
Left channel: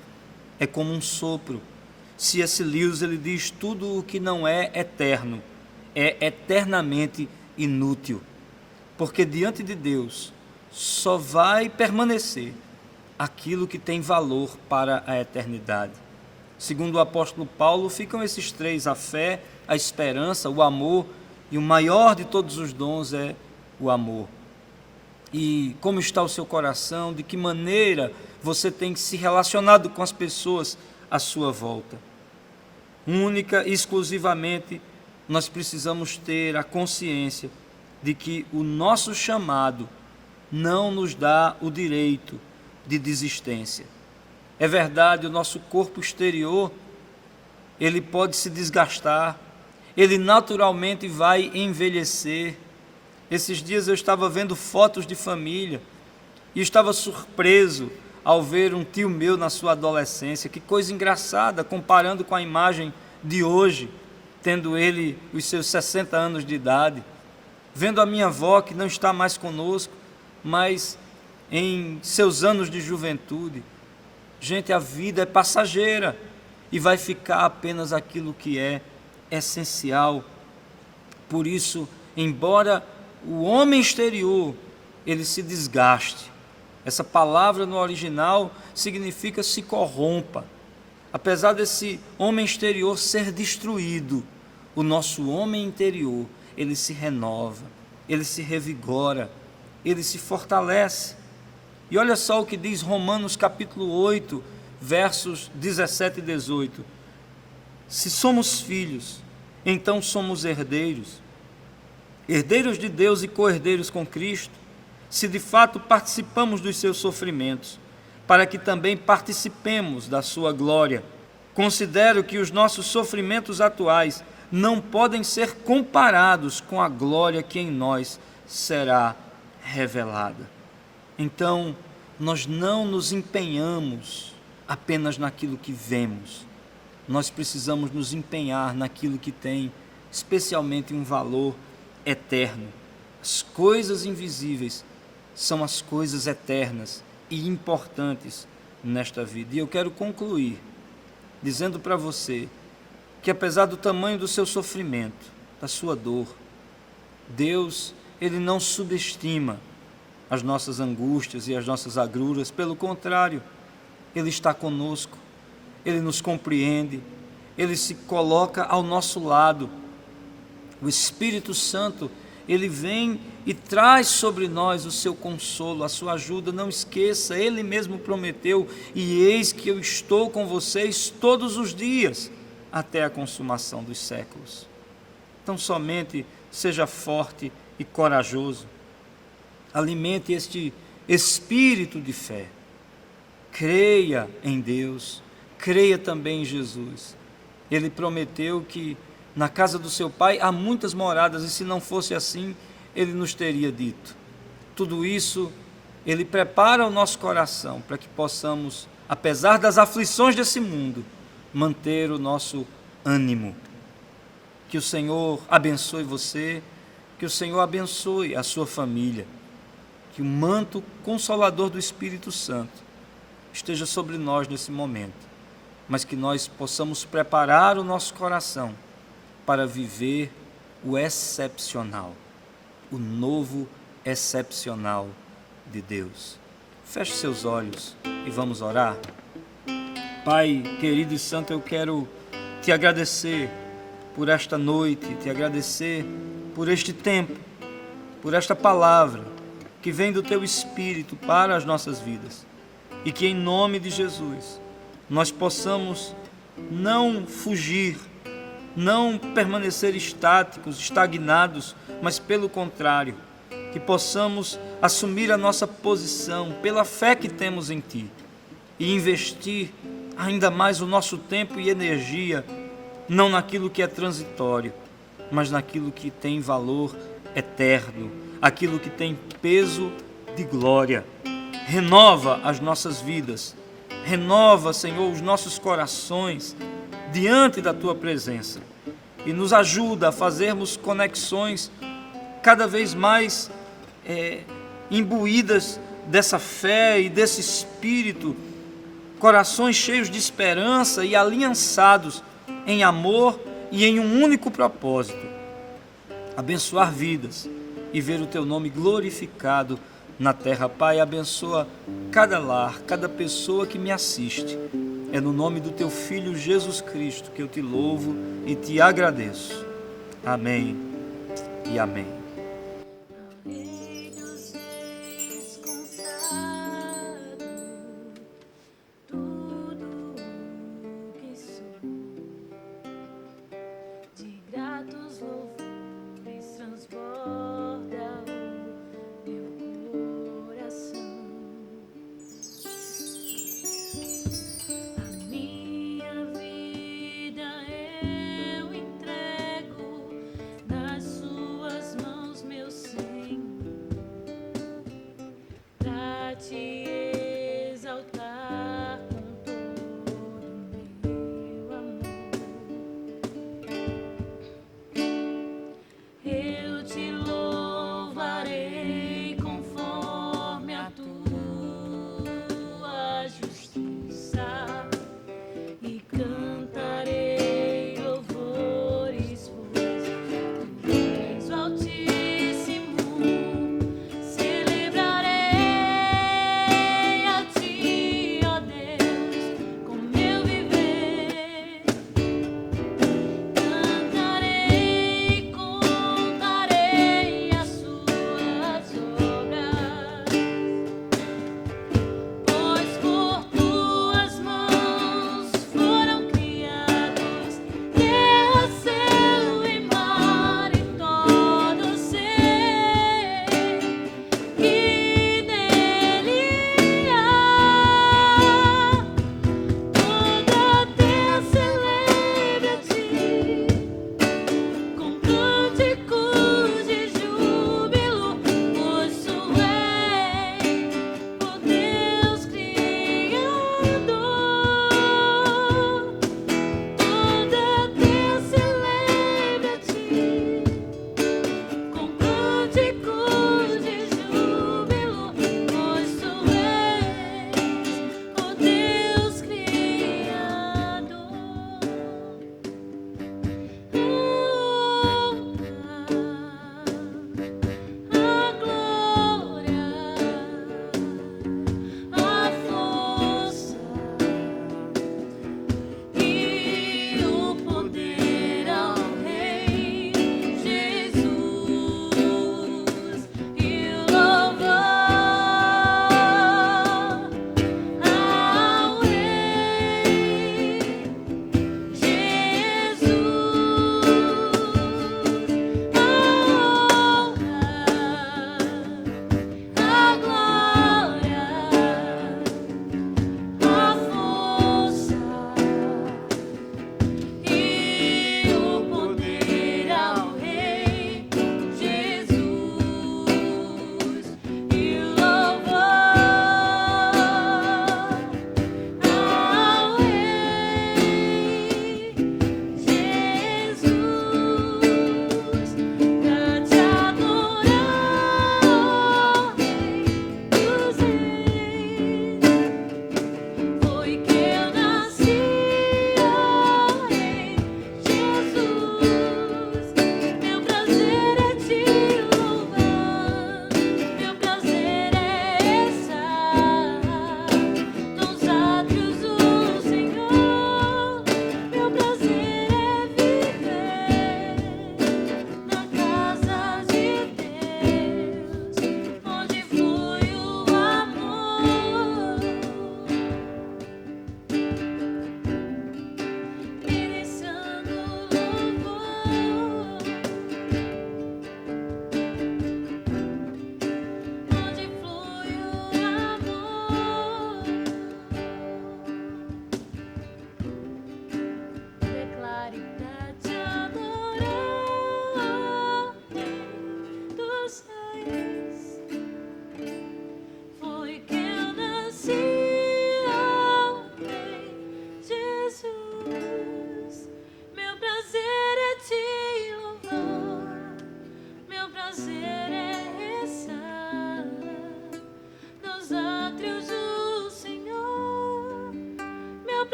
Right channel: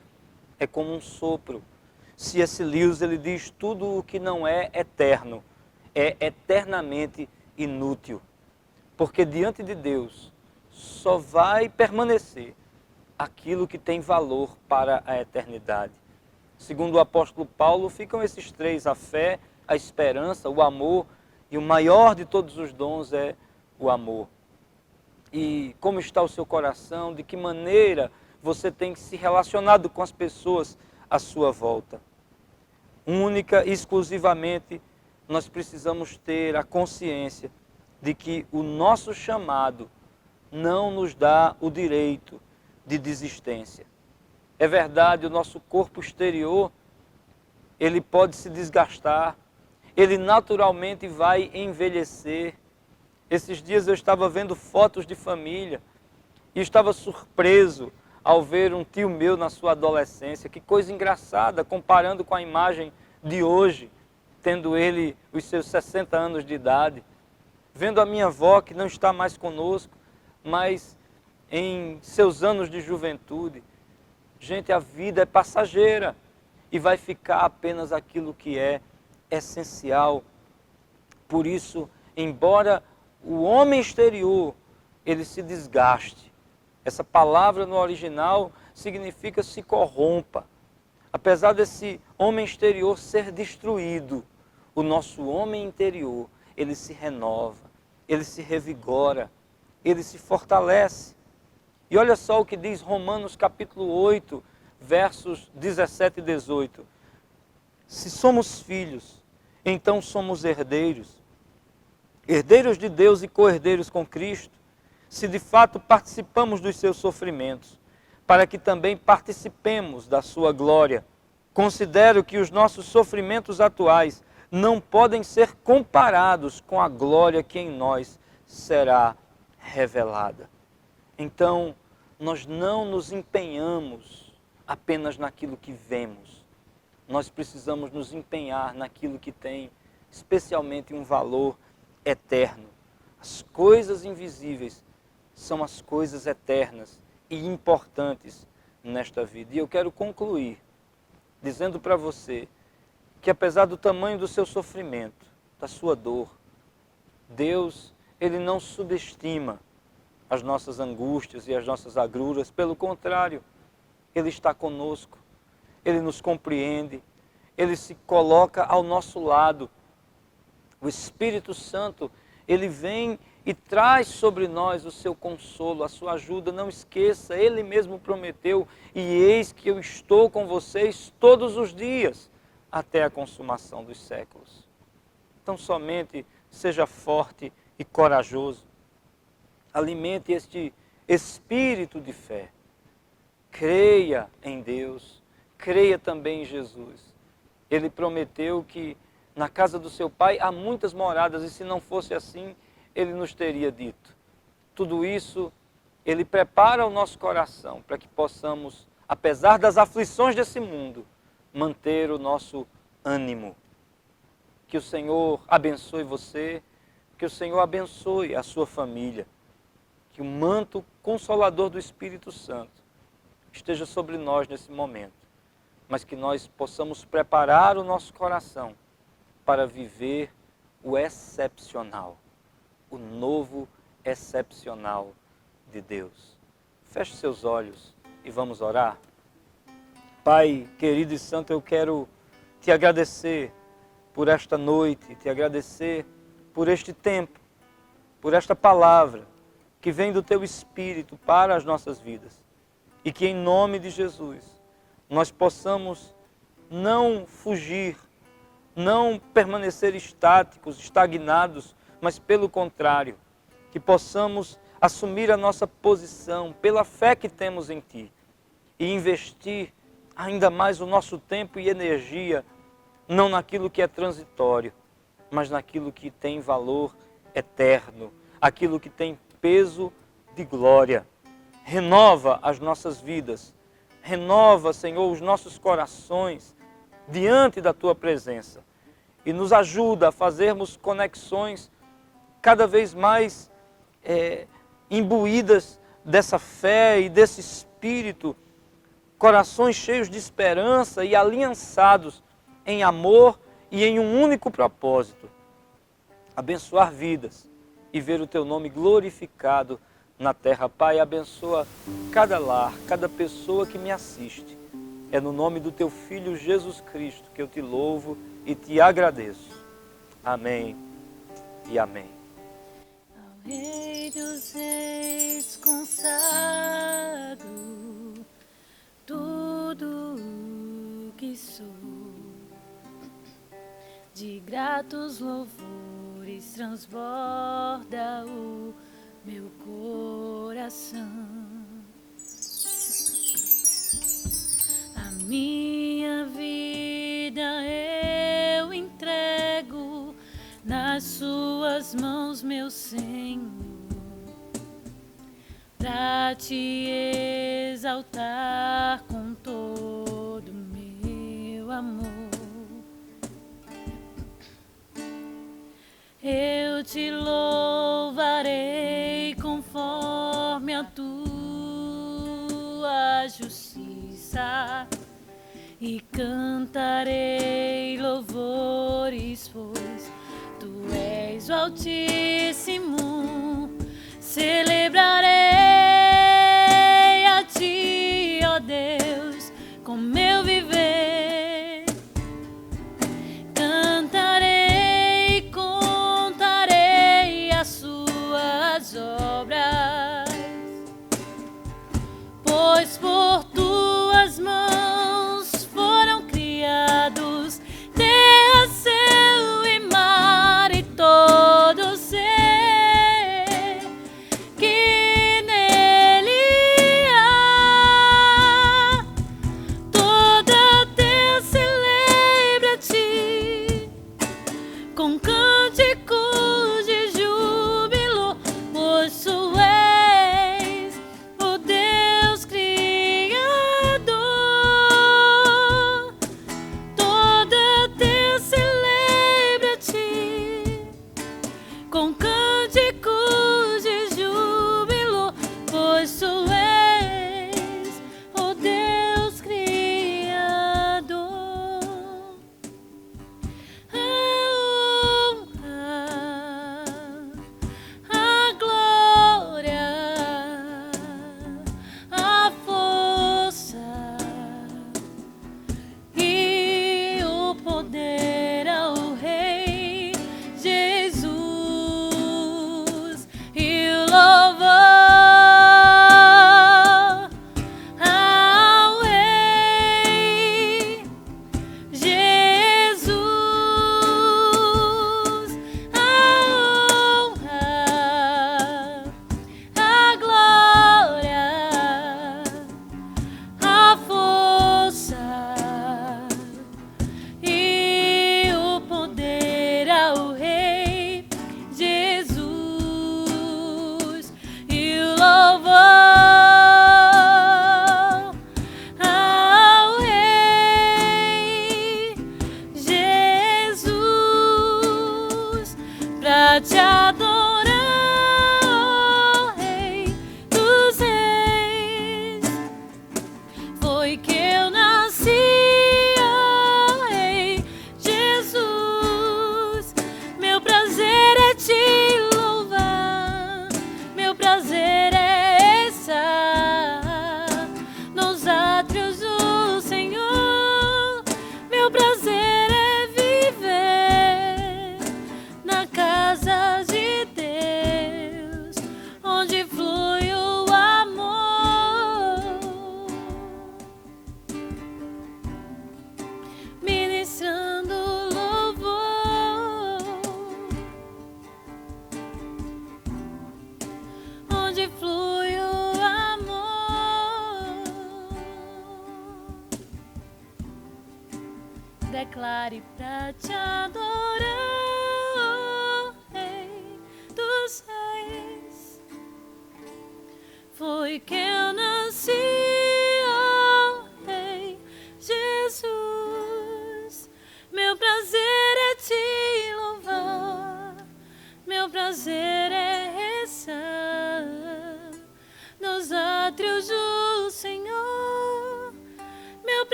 é como um sopro. C.S. Lewis, ele diz: tudo o que não é eterno é eternamente inútil, porque diante de Deus só vai permanecer aquilo que tem valor para a eternidade. Segundo o apóstolo Paulo, ficam esses três: a fé, a esperança, o amor, e o maior de todos os dons é o amor. E como está o seu coração? De que maneira você tem se relacionado com as pessoas à sua volta? Única e exclusivamente nós precisamos ter a consciência de que o nosso chamado não nos dá o direito de desistência. É verdade, o nosso corpo exterior, ele pode se desgastar, ele naturalmente vai envelhecer. Esses dias eu estava vendo fotos de família e estava surpreso ao ver um tio meu na sua adolescência. Que coisa engraçada, comparando com a imagem de hoje, tendo ele os seus 60 anos de idade. Vendo a minha avó, que não está mais conosco, mas em seus anos de juventude. Gente, a vida é passageira e vai ficar apenas aquilo que é essencial. Por isso, embora o homem exterior ele se desgaste, essa palavra no original significa se corrompa. Apesar desse homem exterior ser destruído, o nosso homem interior, ele se renova, ele se revigora, ele se fortalece. E olha só o que diz Romanos capítulo 8, versos 17 e 18. Se somos filhos, então somos herdeiros, herdeiros de Deus e co-herdeiros com Cristo, se de fato participamos dos seus sofrimentos, para que também participemos da sua glória. Considero que os nossos sofrimentos atuais não podem ser comparados com a glória que em nós será revelada. Então, nós não nos empenhamos apenas naquilo que vemos. Nós precisamos nos empenhar naquilo que tem especialmente um valor eterno. As coisas invisíveis são as coisas eternas e importantes nesta vida. E eu quero concluir dizendo para você que, apesar do tamanho do seu sofrimento, da sua dor, Deus, ele não subestima as nossas angústias e as nossas agruras. Pelo contrário, ele está conosco, ele nos compreende, ele se coloca ao nosso lado. O Espírito Santo, Ele vem e traz sobre nós o seu consolo, a sua ajuda. Não esqueça, Ele mesmo prometeu: e eis que eu estou com vocês todos os dias, até a consumação dos séculos. Então somente seja forte e corajoso. Alimente este espírito de fé. Creia em Deus, creia também em Jesus. Ele prometeu que na casa do seu Pai há muitas moradas, e se não fosse assim, Ele nos teria dito. Tudo isso, Ele prepara o nosso coração para que possamos, apesar das aflições desse mundo, manter o nosso ânimo. Que o Senhor abençoe você, que o Senhor abençoe a sua família, que o manto consolador do Espírito Santo esteja sobre nós nesse momento, mas que nós possamos preparar o nosso coração para viver o excepcional, o novo excepcional de Deus. Feche seus olhos e vamos orar. Pai querido e santo, eu quero te agradecer por esta noite, te agradecer por este tempo, por esta palavra que vem do Teu Espírito para as nossas vidas, e que em nome de Jesus nós possamos não fugir, não permanecer estáticos, estagnados, mas pelo contrário, que possamos assumir a nossa posição pela fé que temos em Ti e investir ainda mais o nosso tempo e energia, não naquilo que é transitório, mas naquilo que tem valor eterno, aquilo que tem peso de glória. Renova as nossas vidas, renova, Senhor, os nossos corações diante da Tua presença e nos ajuda a fazermos conexões cada vez mais imbuídas dessa fé e desse espírito, corações cheios de esperança e aliançados em amor e em um único propósito: abençoar vidas e ver o Teu nome glorificado na terra. Pai, abençoa cada lar, cada pessoa que me assiste. É no nome do Teu Filho Jesus Cristo que eu te louvo e te agradeço. Amém e amém. Rei dos Reis, consagrado tudo que sou, de gratos louvores transborda o meu coração. A minha vida eu entrego nas Suas mãos, meu Senhor, pra Te exaltar com todo o meu amor. Eu Te louvarei conforme a Tua justiça e cantarei louvores, pois Tu és o Altíssimo. Celebrarei a Ti, ó Deus, com meu viver. Cantarei, contarei as Suas obras, pois por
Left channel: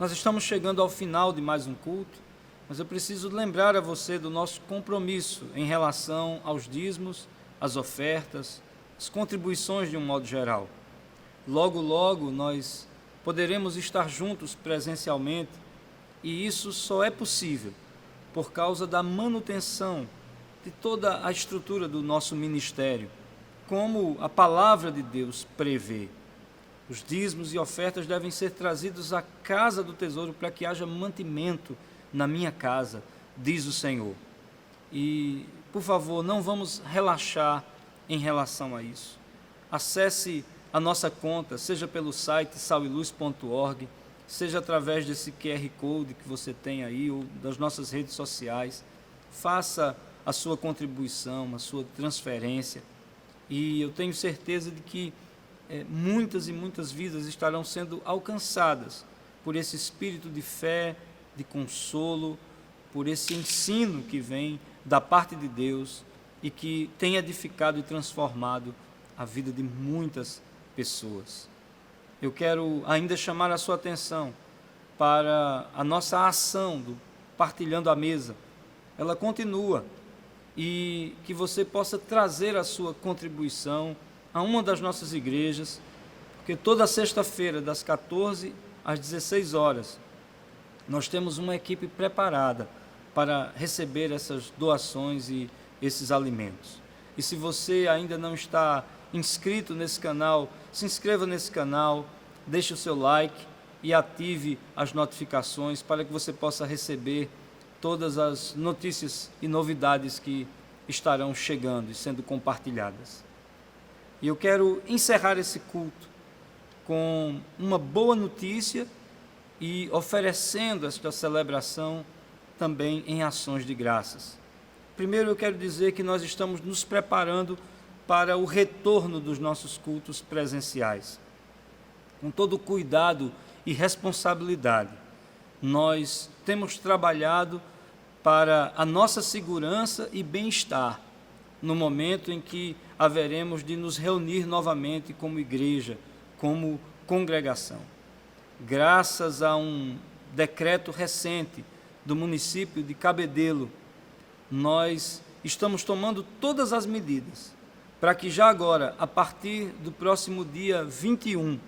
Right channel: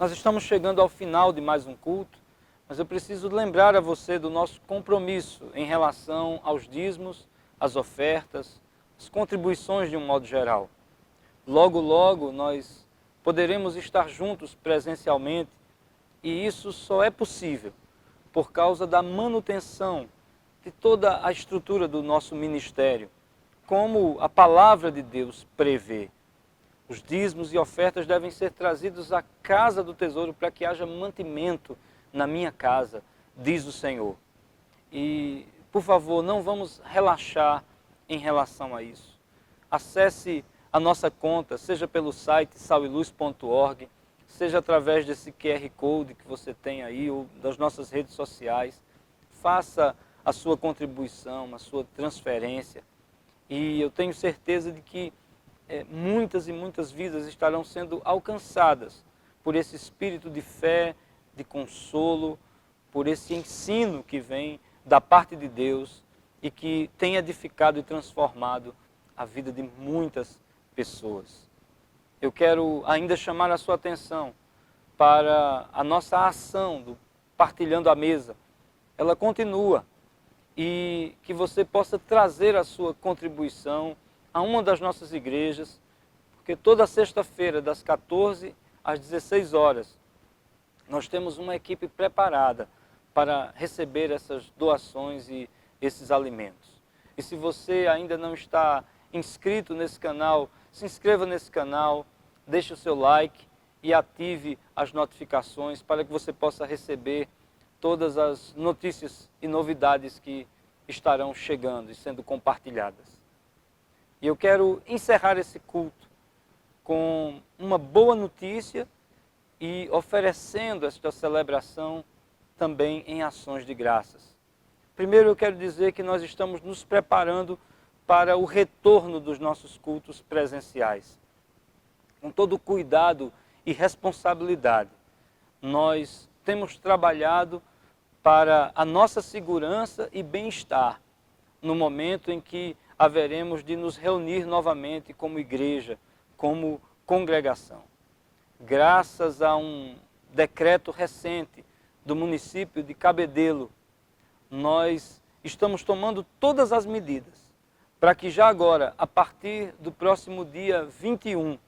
Nós estamos chegando ao final de mais um culto, mas eu preciso lembrar a você do nosso compromisso em relação aos dízimos, às ofertas, às contribuições de um modo geral. Logo, logo, nós poderemos estar juntos presencialmente e isso só é possível por causa da manutenção de toda a estrutura do nosso ministério, como a palavra de Deus prevê. Os dízimos e ofertas devem ser trazidos à casa do tesouro para que haja mantimento na minha casa, diz o Senhor. E, por favor, não vamos relaxar em relação a isso. Acesse a nossa conta, seja pelo site saliluz.org, seja através desse QR Code que você tem aí, ou das nossas redes sociais. Faça a sua contribuição, a sua transferência. E eu tenho certeza de que muitas e muitas vidas estarão sendo alcançadas por esse espírito de fé, de consolo, por esse ensino que vem da parte de Deus e que tem edificado e transformado a vida de muitas pessoas. Eu quero ainda chamar a sua atenção para a nossa ação do Partilhando a Mesa. Ela continua e que você possa trazer a sua contribuição a uma das nossas igrejas, porque toda sexta-feira, das 14 às 16 horas, nós temos uma equipe preparada para receber essas doações e esses alimentos. E se você ainda não está inscrito nesse canal, se inscreva nesse canal, deixe o seu like e ative as notificações para que você possa receber todas as notícias e novidades que estarão chegando e sendo compartilhadas. E eu quero encerrar esse culto com uma boa notícia e oferecendo esta celebração também em ações de graças. Primeiro eu quero dizer que nós estamos nos preparando para o retorno dos nossos cultos presenciais. Com todo cuidado e responsabilidade, nós temos trabalhado para a nossa segurança e bem-estar no momento em que haveremos de nos reunir novamente como igreja, como congregação. Graças a um decreto recente do município de Cabedelo, nós estamos tomando todas as medidas para que já agora, a partir do próximo dia 21,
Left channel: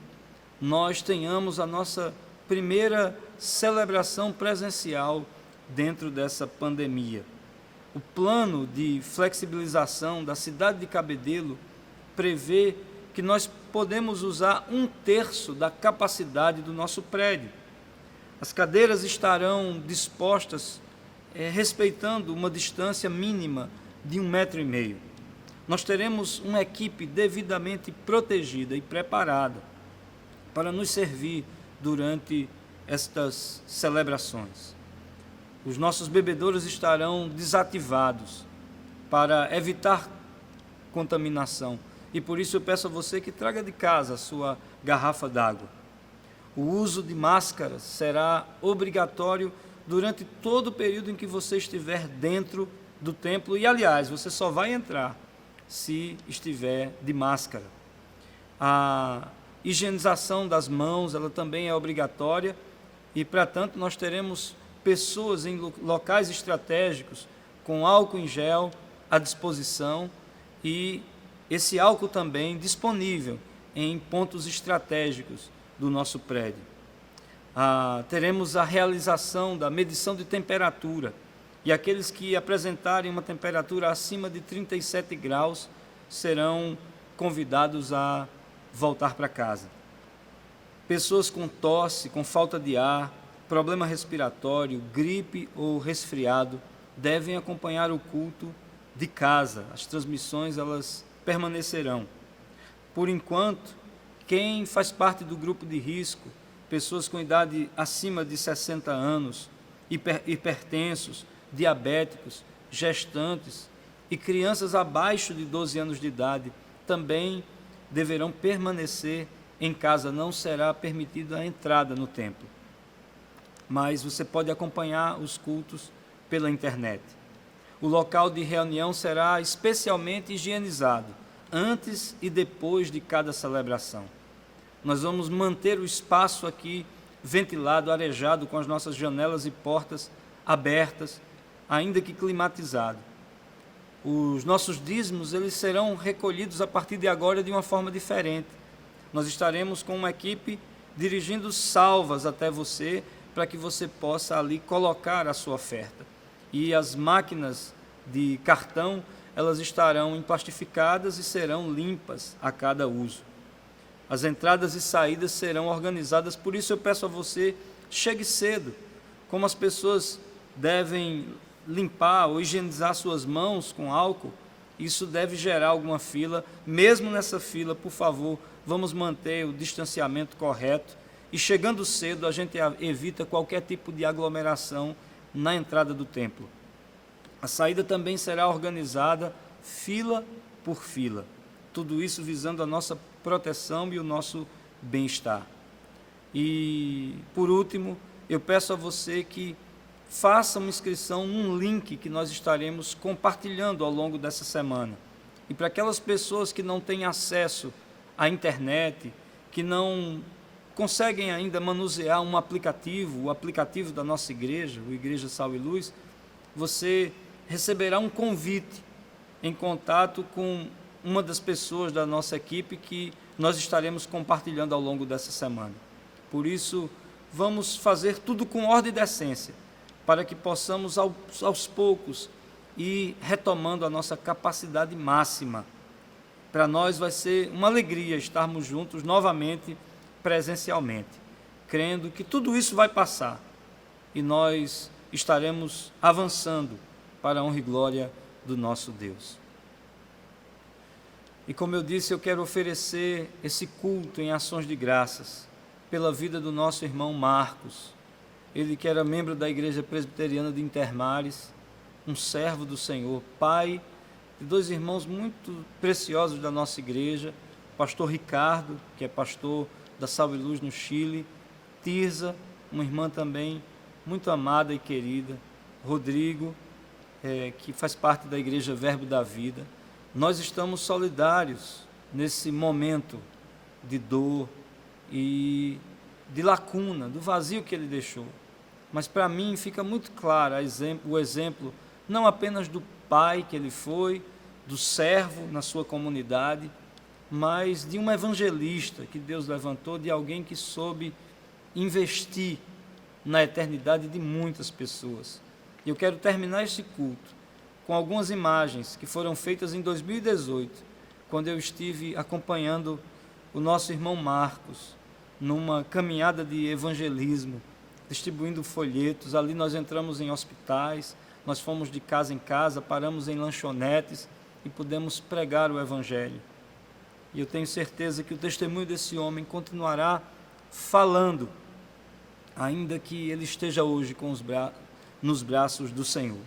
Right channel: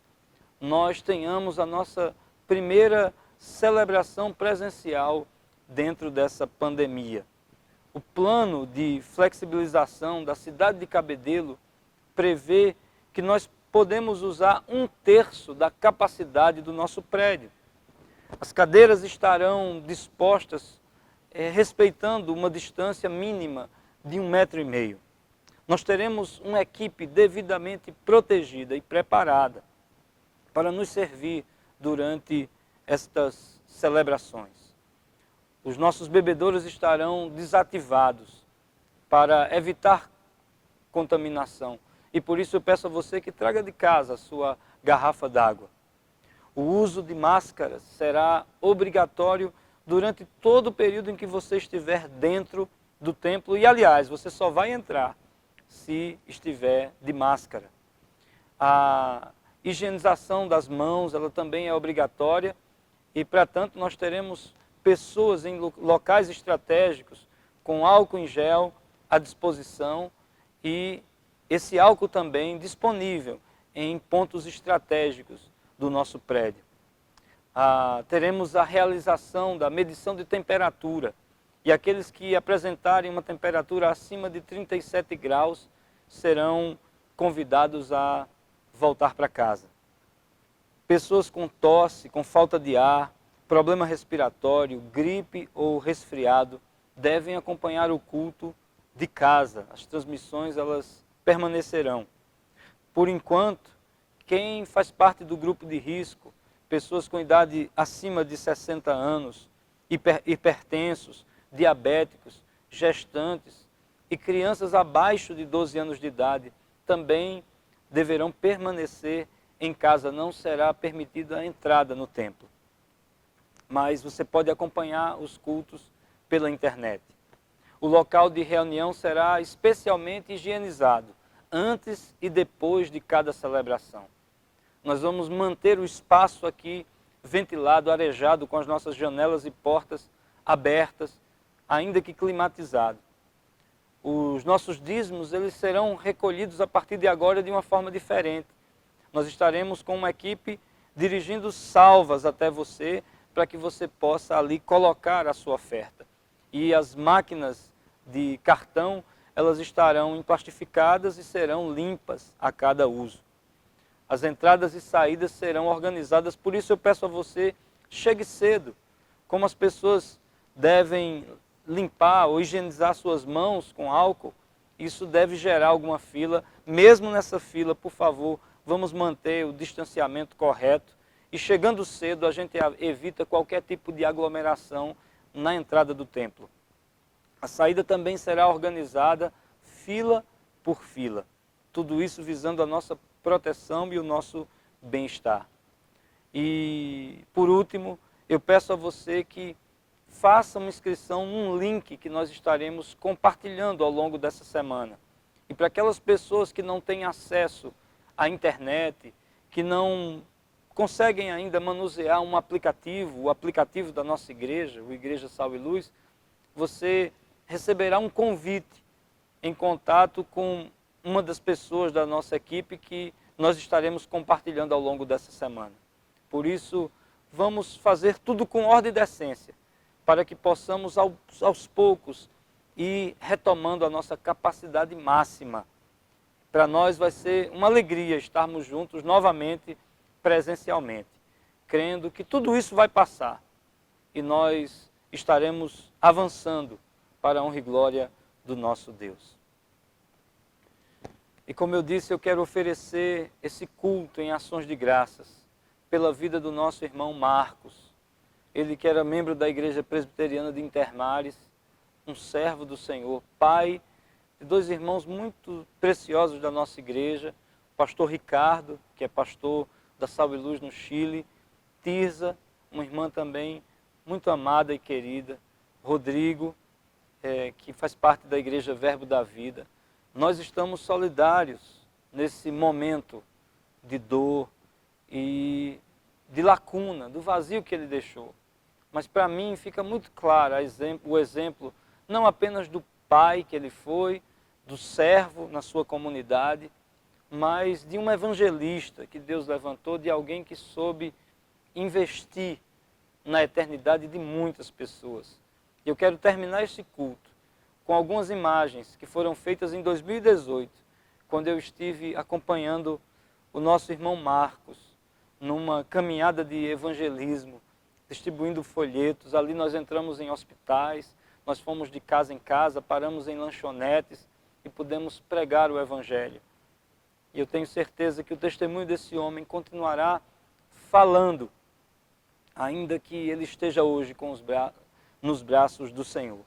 nós tenhamos a nossa primeira celebração presencial dentro dessa pandemia. O plano de flexibilização da cidade de Cabedelo prevê que nós podemos usar 1/3 da capacidade do nosso prédio. As cadeiras estarão dispostas respeitando uma distância mínima de 1,5 metro. Nós teremos uma equipe devidamente protegida e preparada para nos servir durante estas celebrações. Os nossos bebedouros estarão desativados para evitar contaminação. E por isso eu peço a você que traga de casa a sua garrafa d'água. O uso de máscaras será obrigatório durante todo o período em que você estiver dentro do templo. E, aliás, você só vai entrar se estiver de máscara. A higienização das mãos, ela também é obrigatória. E, para tanto, nós teremos pessoas em locais estratégicos com álcool em gel à disposição e esse álcool também disponível em pontos estratégicos do nosso prédio. Teremos a realização da medição de temperatura e aqueles que apresentarem uma temperatura acima de 37 graus serão convidados a voltar para casa. Pessoas com tosse, com falta de ar, problema respiratório, gripe ou resfriado devem acompanhar o culto de casa. As transmissões elas permanecerão. Por enquanto, quem faz parte do grupo de risco, pessoas com idade acima de 60 anos, hipertensos, diabéticos, gestantes e crianças abaixo de 12 anos de idade, também deverão permanecer em casa. Não será permitida a entrada no templo. Mas você pode acompanhar os cultos pela internet. O local de reunião será especialmente higienizado, antes e depois de cada celebração. Nós vamos manter o espaço aqui ventilado, arejado, com as nossas janelas e portas abertas, ainda que climatizado. Os nossos dízimos, eles serão recolhidos a partir de agora de uma forma diferente. Nós estaremos com uma equipe dirigindo salvas até você, para que você possa ali colocar a sua oferta. E as máquinas de cartão, elas estarão emplastificadas e serão limpas a cada uso. As entradas e saídas serão organizadas, por isso eu peço a você, chegue cedo. Como as pessoas devem limpar ou higienizar suas mãos com álcool, isso deve gerar alguma fila. Mesmo nessa fila, por favor, vamos manter o distanciamento correto. E chegando cedo, a gente evita qualquer tipo de aglomeração na entrada do templo. A saída também será organizada fila por fila. Tudo isso visando a nossa proteção e o nosso bem-estar. E, por último, eu peço a você que faça uma inscrição num link que nós estaremos compartilhando ao longo dessa semana. E para aquelas pessoas que não têm acesso à internet, que não conseguem ainda manusear um aplicativo, o aplicativo da nossa igreja, o Igreja Sal e Luz, você receberá um convite em contato com uma das pessoas da nossa equipe que nós estaremos compartilhando ao longo dessa semana. Por isso, vamos fazer tudo com ordem e decência, para que possamos aos poucos ir retomando a nossa capacidade máxima. Para nós vai ser uma alegria estarmos juntos novamente, presencialmente, crendo que tudo isso vai passar e nós estaremos avançando para a honra e glória do nosso Deus. E como eu disse, eu quero oferecer esse culto em ações de graças pela vida do nosso irmão Marcos, ele que era membro da Igreja Presbiteriana de Intermares, um servo do Senhor, pai de dois irmãos muito preciosos da nossa igreja, pastor Ricardo, que é pastor da Sal e Luz no Chile, Tirza, uma irmã também muito amada e querida, Rodrigo, que faz parte da Igreja Verbo da Vida. Nós estamos solidários nesse momento de dor e de lacuna, do vazio que ele deixou. Mas para mim fica muito claro o exemplo não apenas do pai que ele foi, do servo na sua comunidade, mas de um evangelista que Deus levantou, de alguém que soube investir na eternidade de muitas pessoas. E eu quero terminar este culto com algumas imagens que foram feitas em 2018, quando eu estive acompanhando o nosso irmão Marcos numa caminhada de evangelismo, distribuindo folhetos. Ali nós entramos em hospitais, nós fomos de casa em casa, paramos em lanchonetes e pudemos pregar o evangelho. E eu tenho certeza que o testemunho desse homem continuará falando, ainda que ele esteja hoje nos braços do Senhor.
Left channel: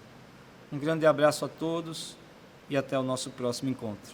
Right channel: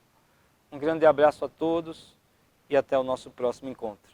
Um grande abraço a todos e até o nosso próximo encontro.